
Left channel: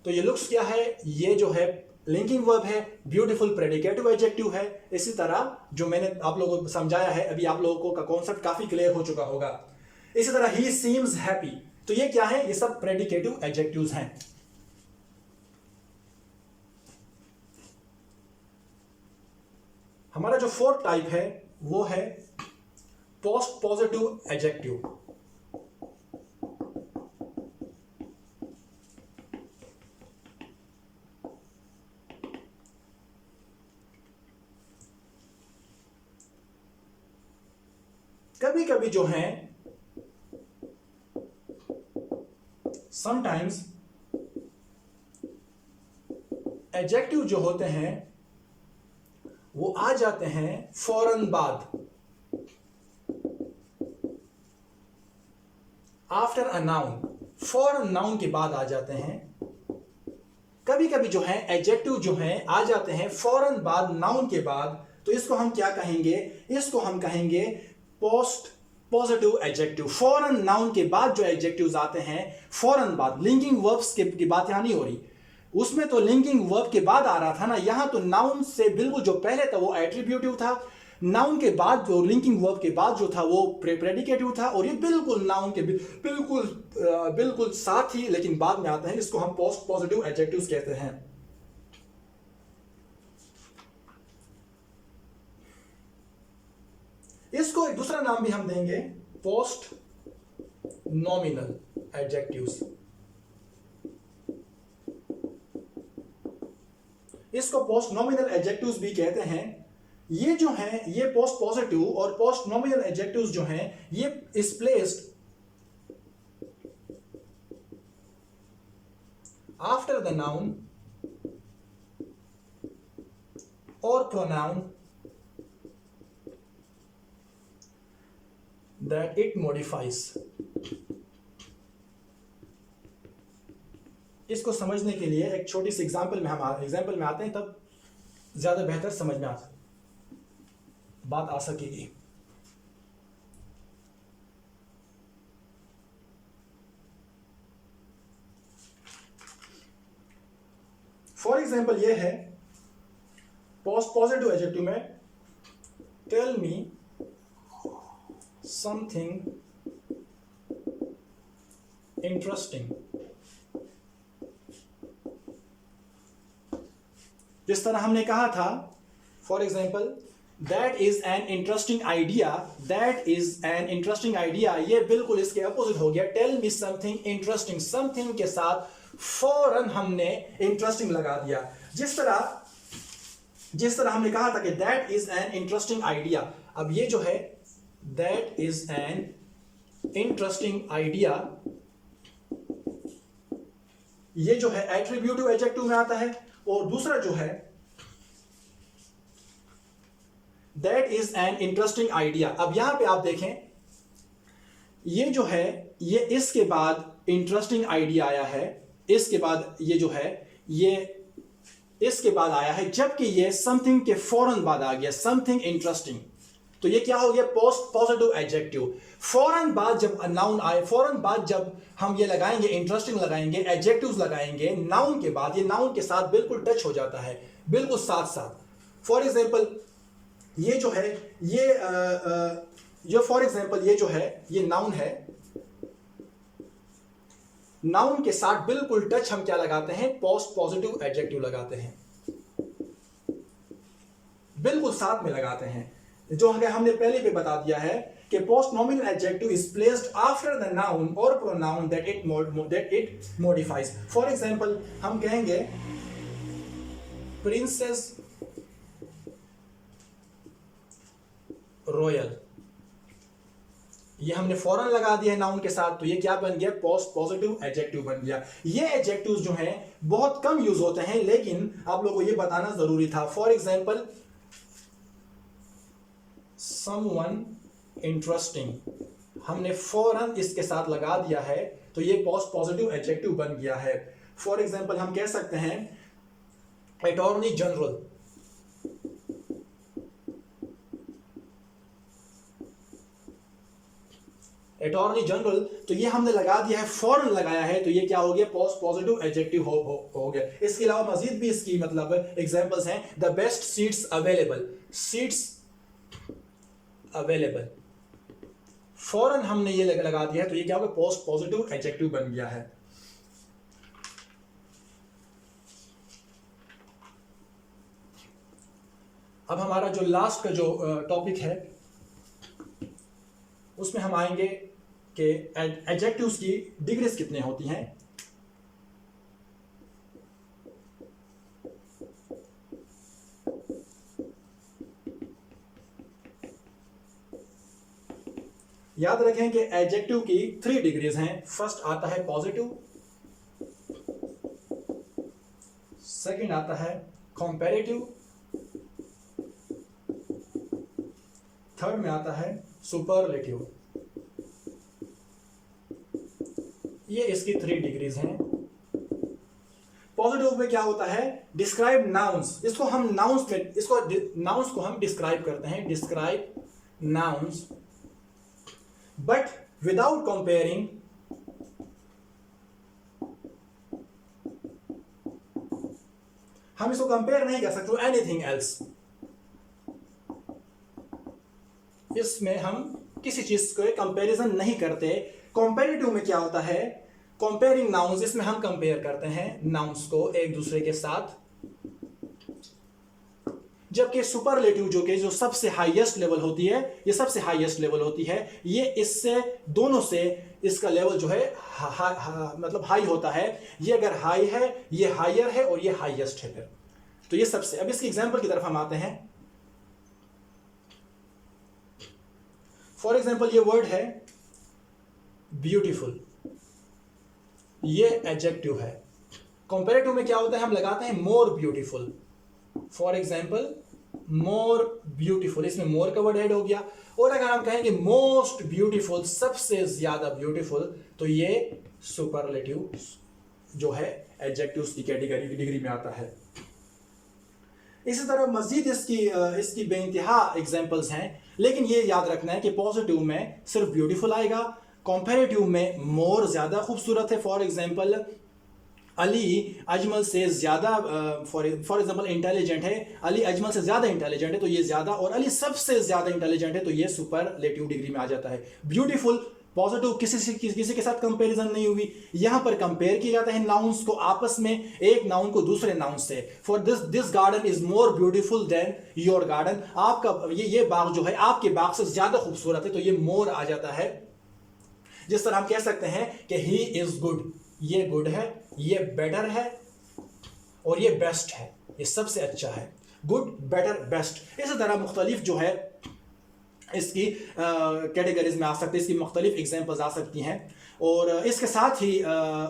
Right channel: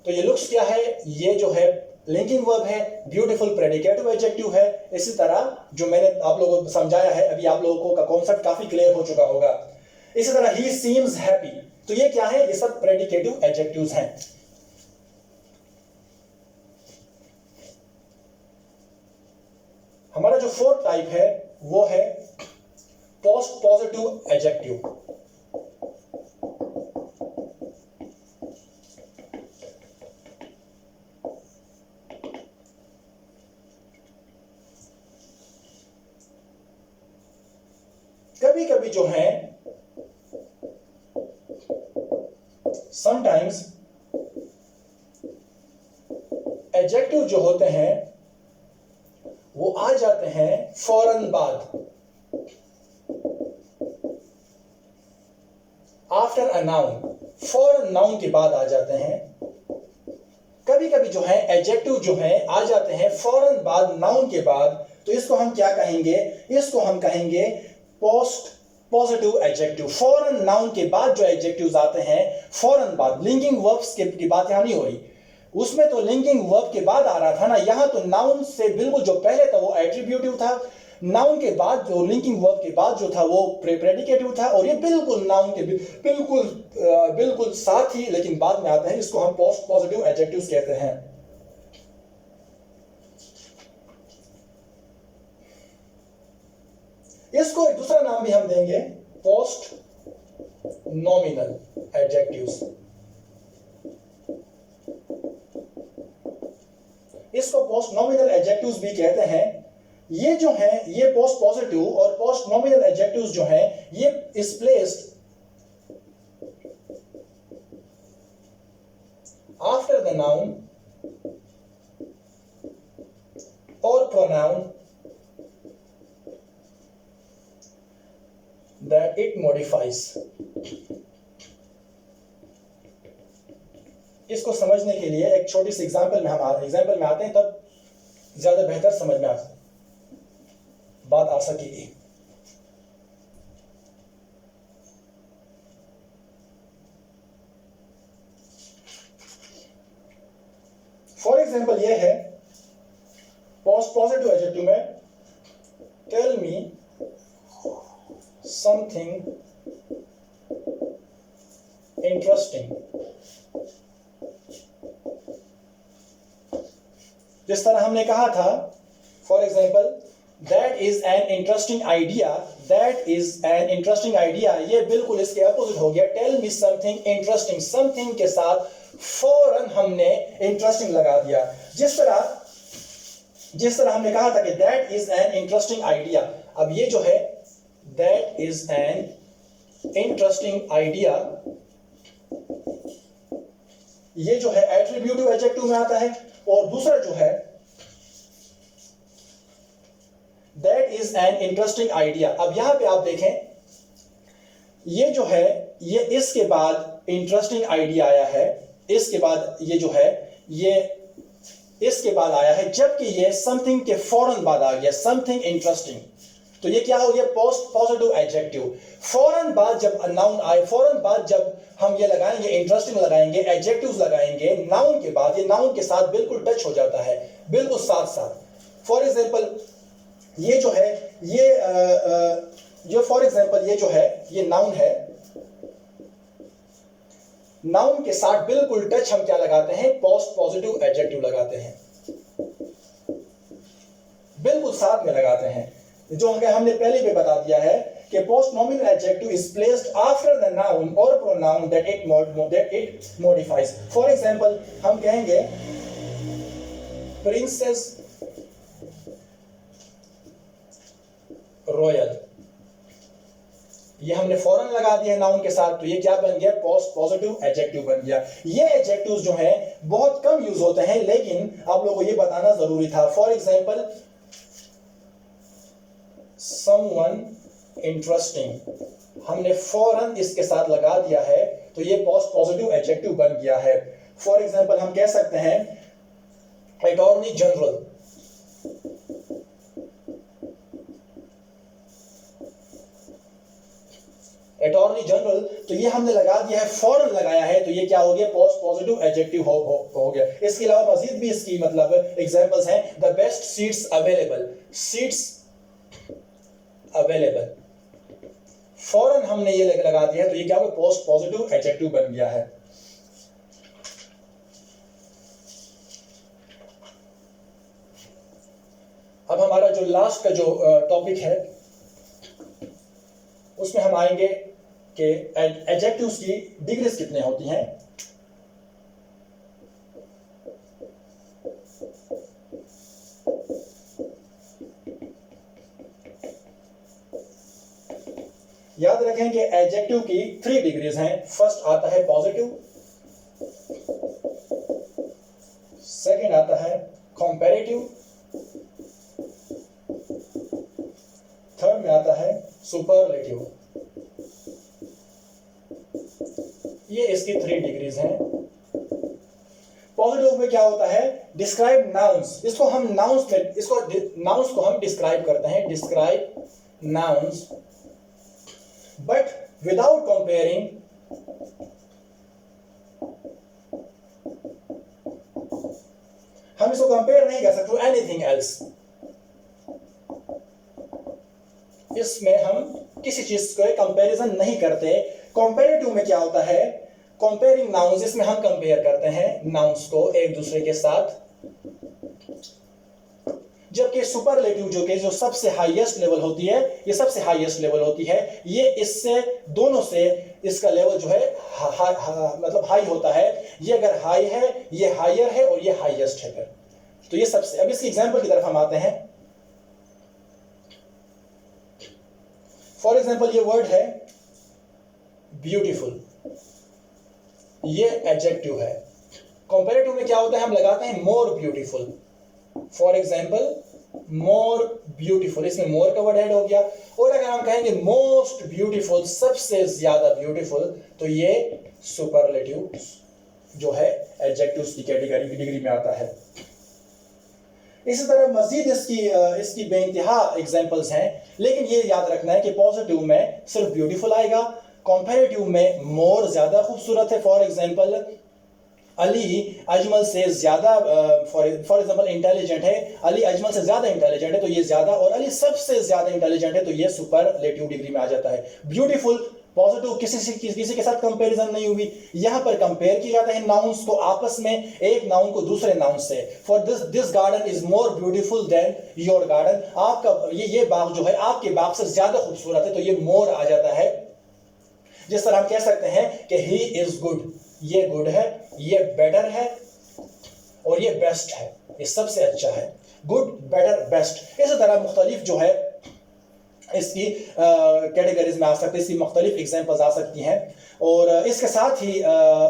तो ये लुक्स क्या है, ये जो है लिंकिंग वर्ब है, ब्यूटीफुल प्रेडिकेटिव एडजेक्टिव है। इसी तरह जो मैंने आप लोगों को समझाया है, अभी आप लोगों का कॉन्सेप्ट काफी क्लियर हो चुका होगा। इसी तरह ही सीम्स हैप्पी, तो ये क्या है, ये सब प्रेडिकेटिव एडजेक्टिव्स हैं। हमारा जो फोर्थ टाइप है वो है पोस्ट पॉजिटिव एडजेक्टिव। कभी कभी जो है समटाइम्स एडजेक्टिव जो होते हैं वो आ जाते हैं फौरन बाद, आफ्टर अ नाउन, फौरन नाउन के बाद आ जाते हैं। कभी कभी जो है एडजेक्टिव जो है आ जाते हैं फौरन बाद नाउन के बाद, तो इसको हम क्या कहेंगे, इसको हम कहेंगे पोस्ट पॉजिटिव एडजेक्टिव। फौरन नाउन के बाद जो एडजेक्टिव्स आते हैं फौरन बाद, लिंकिंग वर्ब्स की बात यहां नहीं हो रही, उसमें तो लिंकिंग वर्ब के बाद आ रहा था ना, यहां तो नाउन से बिल्कुल जो पहले था वो एट्रीब्यूटिव था, नाउन के बाद जो लिंकिंग वर्ब के बाद जो था वो प्रेडिकेटिव था, और ये बिल्कुल नाउन के बिल्कुल साथ ही लेकिन बाद में आता है, इसको हम पोस्ट पॉजिटिव एडजेक्टिव्स कहते हैं। इसको एक दूसरा नाम भी हम देंगे पोस्ट नॉमिनल एडजेक्टिव्स। इसको पोस्ट नॉमिनल एडजेक्टिव्स भी कहते हैं। ये जो है ये पोस्ट पॉजिटिव और पोस्ट नॉमिनल एडजेक्टिव्स जो हैं ये is placed after the noun और प्रोनाउन that it modifies। इसको समझने के लिए एक छोटी सी एग्जांपल में आते हैं, तब ज्यादा बेहतर समझ में बात आ सकेगी। फॉर एग्जाम्पल ये है पॉजिटिव एडजेक्टिव में, टेल मी समथिंग इंटरेस्टिंग। जिस तरह हमने कहा था, for example that is an interesting idea, that is an interesting idea, ये बिल्कुल इसके अपोजिट हो गया। Tell me something interesting, something के साथ फौरन हमने इंटरेस्टिंग लगा दिया। जिस तरह हमने कहा था कि that is an interesting idea, अब ये जो है that is an interesting idea, ये जो है एट्रीब्यूटिव एडजेक्टिव में आता है। और दूसरा जो है that is an interesting idea, अब यहां पे आप देखें ये जो है ये इसके बाद इंटरेस्टिंग आइडिया आया है, इसके बाद ये जो है ये इसके बाद आया है, जबकि ये समथिंग के फौरन बाद आ गया, समथिंग इंटरेस्टिंग। तो ये क्या हो गया? Positive adjective. फौरन बाद जब नाउन आए, फौरन बाद जब हम ये लगाएंगे, इंटरेस्टिंग लगाएंगे, एडजेक्टिव्स लगाएंगे नाउन के बाद, ये नाउन के साथ बिल्कुल टच हो जाता है, बिल्कुल साथ साथ। फॉर एग्जाम्पल ये जो है ये फॉर एग्जाम्पल ये जो है ये नाउन है, नाउन के साथ बिल्कुल टच हम क्या लगाते हैं? पोस्ट पॉजिटिव एडजेक्टिव लगाते हैं, बिल्कुल साथ में लगाते हैं। जो हमने पहले भी बता दिया है कि post nominal adjective is placed after the noun और pronoun that it modifies. For example हम कहेंगे प्रिंसेस रॉयल, ये हमने फौरन लगा दिया है नाउन के साथ, तो ये क्या बन गया? पोस्ट पॉजिटिव एडजेक्टिव बन गया। ये एडजेक्टिव्स जो हैं बहुत कम यूज होते हैं, लेकिन आप लोगों को ये बताना जरूरी था। फॉर एग्जांपल समवन इंटरेस्टिंग, हमने फौरन इसके साथ लगा दिया है, तो ये पोस्ट पॉजिटिव एडजेक्टिव बन गया है। फॉर एग्जांपल हम कह सकते हैं अटॉर्नी जनरल, अटॉर्नी जनरल, तो ये हमने लगा दिया है, फौरन लगाया है, तो ये क्या हो गया? पोस्ट पॉजिटिव एडजेक्टिव हो गया। इसके अलावा मजीद भी इसकी मतलब एग्जांपल्स हैं। The best seats available, seats available, फौरन हमने ये लगा दिया है, तो ये क्या हो गया? पोस्ट पॉजिटिव एडजेक्टिव बन गया है। अब हमारा जो लास्ट का जो टॉपिक है उसमें हम आएंगे कि एडजेक्टिव्स की डिग्रीज कितने होती हैं। याद रखें कि एडजेक्टिव की 3 डिग्रीज हैं। फर्स्ट आता है पॉजिटिव, सेकंड आता है कंपैरेटिव, थर्ड में आता है सुपरलेटिव। ये इसकी 3 डिग्रीज हैं। पॉजिटिव में क्या होता है? डिस्क्राइब नाउन्स, इसको हम नाउन्स में नाउन्स को हम डिस्क्राइब करते हैं, describe nouns, but without comparing हम इसको कंपेयर नहीं कर सकते एनीथिंग एल्स। इसमें हम किसी चीज को कंपैरिजन नहीं करते। कंपैरेटिव में क्या होता है? कंपेयरिंग नाउन्स, इसमें हम कंपेयर करते हैं नाउन्स को एक दूसरे के साथ। जबकि सुपरलेटिव जो सबसे हाईएस्ट लेवल होती है, ये सबसे हाईएस्ट लेवल होती है, ये इससे दोनों से इसका लेवल जो है मतलब हाई होता है। ये अगर हाई है, ये हायर है, और ये हाईएस्ट है। तो ये सबसे, अब इसकी एग्जांपल की तरफ हम आते हैं। फॉर एग्जांपल ये वर्ड है ब्यूटीफुल, ये एडजेक्टिव है। कंपैरेटिव में क्या होता है? हम लगाते हैं more beautiful. For example more beautiful, इसमें मोर का वर्ड ऐड हो गया। और अगर हम कहेंगे मोस्ट ब्यूटीफुल, सबसे ज्यादा ब्यूटीफुल, तो ये सुपरलेटिव जो है एडजेक्टिव्स की कैटेगरी की डिग्री में आता है। इसी तरह मजीद इसकी बेइंतहा एग्जांपल्स हैं, लेकिन ये याद रखना है कि पॉजिटिव में सिर्फ ब्यूटीफुल आएगा, कंपैरेटिव में मोर ज़्यादा खूबसूरत है। फॉर एग्जांपल अली अजमल से ज़्यादा, फॉर एग्जांपल इंटेलिजेंट है, अली अजमल से ज़्यादा इंटेलिजेंट है तो ये ज़्यादा, और अली सबसे ज़्यादा इंटेलिजेंट है तो ये सुपरलेटिव डिग्री में आ जाता है। ब्यूटीफुल पॉजिटिव किसी के साथ कंपैरिजन नहीं हुई, यहां पर कंपेयर किया जाता है नाउन्स को आपस में, एक नाउन को दूसरे नाउन से। For this garden is more beautiful then your garden, आपका ये बाग जो है आपके बाग से ज्यादा खूबसूरत है तो ये मोर आ जाता है। जिस तरह हम कह सकते हैं कि ही इज गुड, ये गुड है, ये बेटर है और ये बेस्ट है, ये सबसे अच्छा है। Good, better, best. इसी तरह मुख्तलिफ जो है इसकी कैटेगरीज में आ सकते हैं, इसकी मुख्तलिफ एग्जाम्पल्स आ सकती हैं। और इसके साथ ही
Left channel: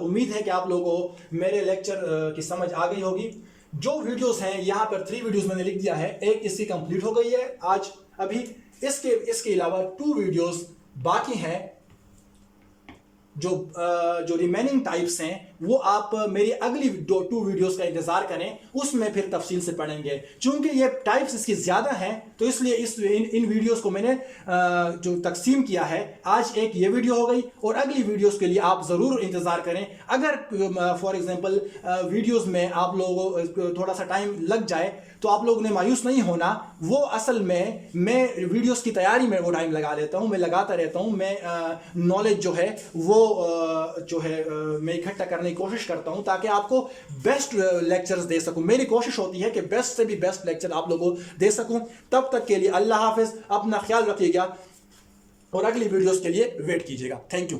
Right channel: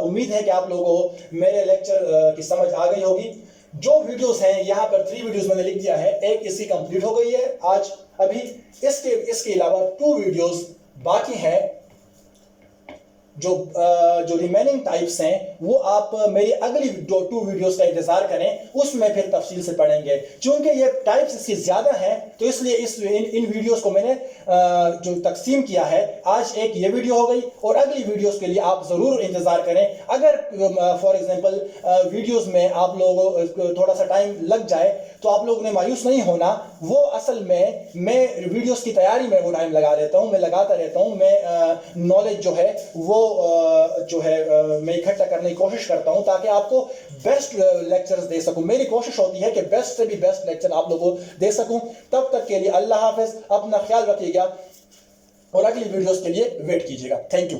उम्मीद है कि आप लोगों को मेरे लेक्चर की समझ आ गई होगी। जो वीडियोस हैं यहाँ पर 3 वीडियोस मैंने लिख दिया है, एक इसकी कंप्लीट हो गई है आज अभी, इसके अलावा 2 वीडियोस बाकी हैं। जो रिमेनिंग टाइप्स हैं वो आप मेरी अगली 2 वीडियोस का इंतजार करें, उसमें फिर तफसील से पढ़ेंगे। चूंकि ये टाइप्स इसकी ज़्यादा हैं तो इसलिए इन वीडियोस को मैंने जो तकसीम किया है, आज एक ये वीडियो हो गई और अगली वीडियोस के लिए आप ज़रूर इंतज़ार करें। अगर फॉर एग्जांपल वीडियोस में आप लोगों को थोड़ा सा टाइम लग जाए तो आप लोगों ने मायूस नहीं होना। वो असल में मैं वीडियोस की तैयारी में वो टाइम लगा लेता हूँ, मैं लगाता रहता हूँ। मैं नॉलेज जो है वो मैं इकट्ठा करने की कोशिश करता हूं ताकि आपको बेस्ट लेक्चर्स दे सकूं। मेरी कोशिश होती है कि बेस्ट से भी बेस्ट लेक्चर आप लोगों को दे सकूं। तब तक के लिए अल्लाह हाफिज, अपना ख्याल रखिएगा और अगली वीडियोस के लिए वेट कीजिएगा। Thank you.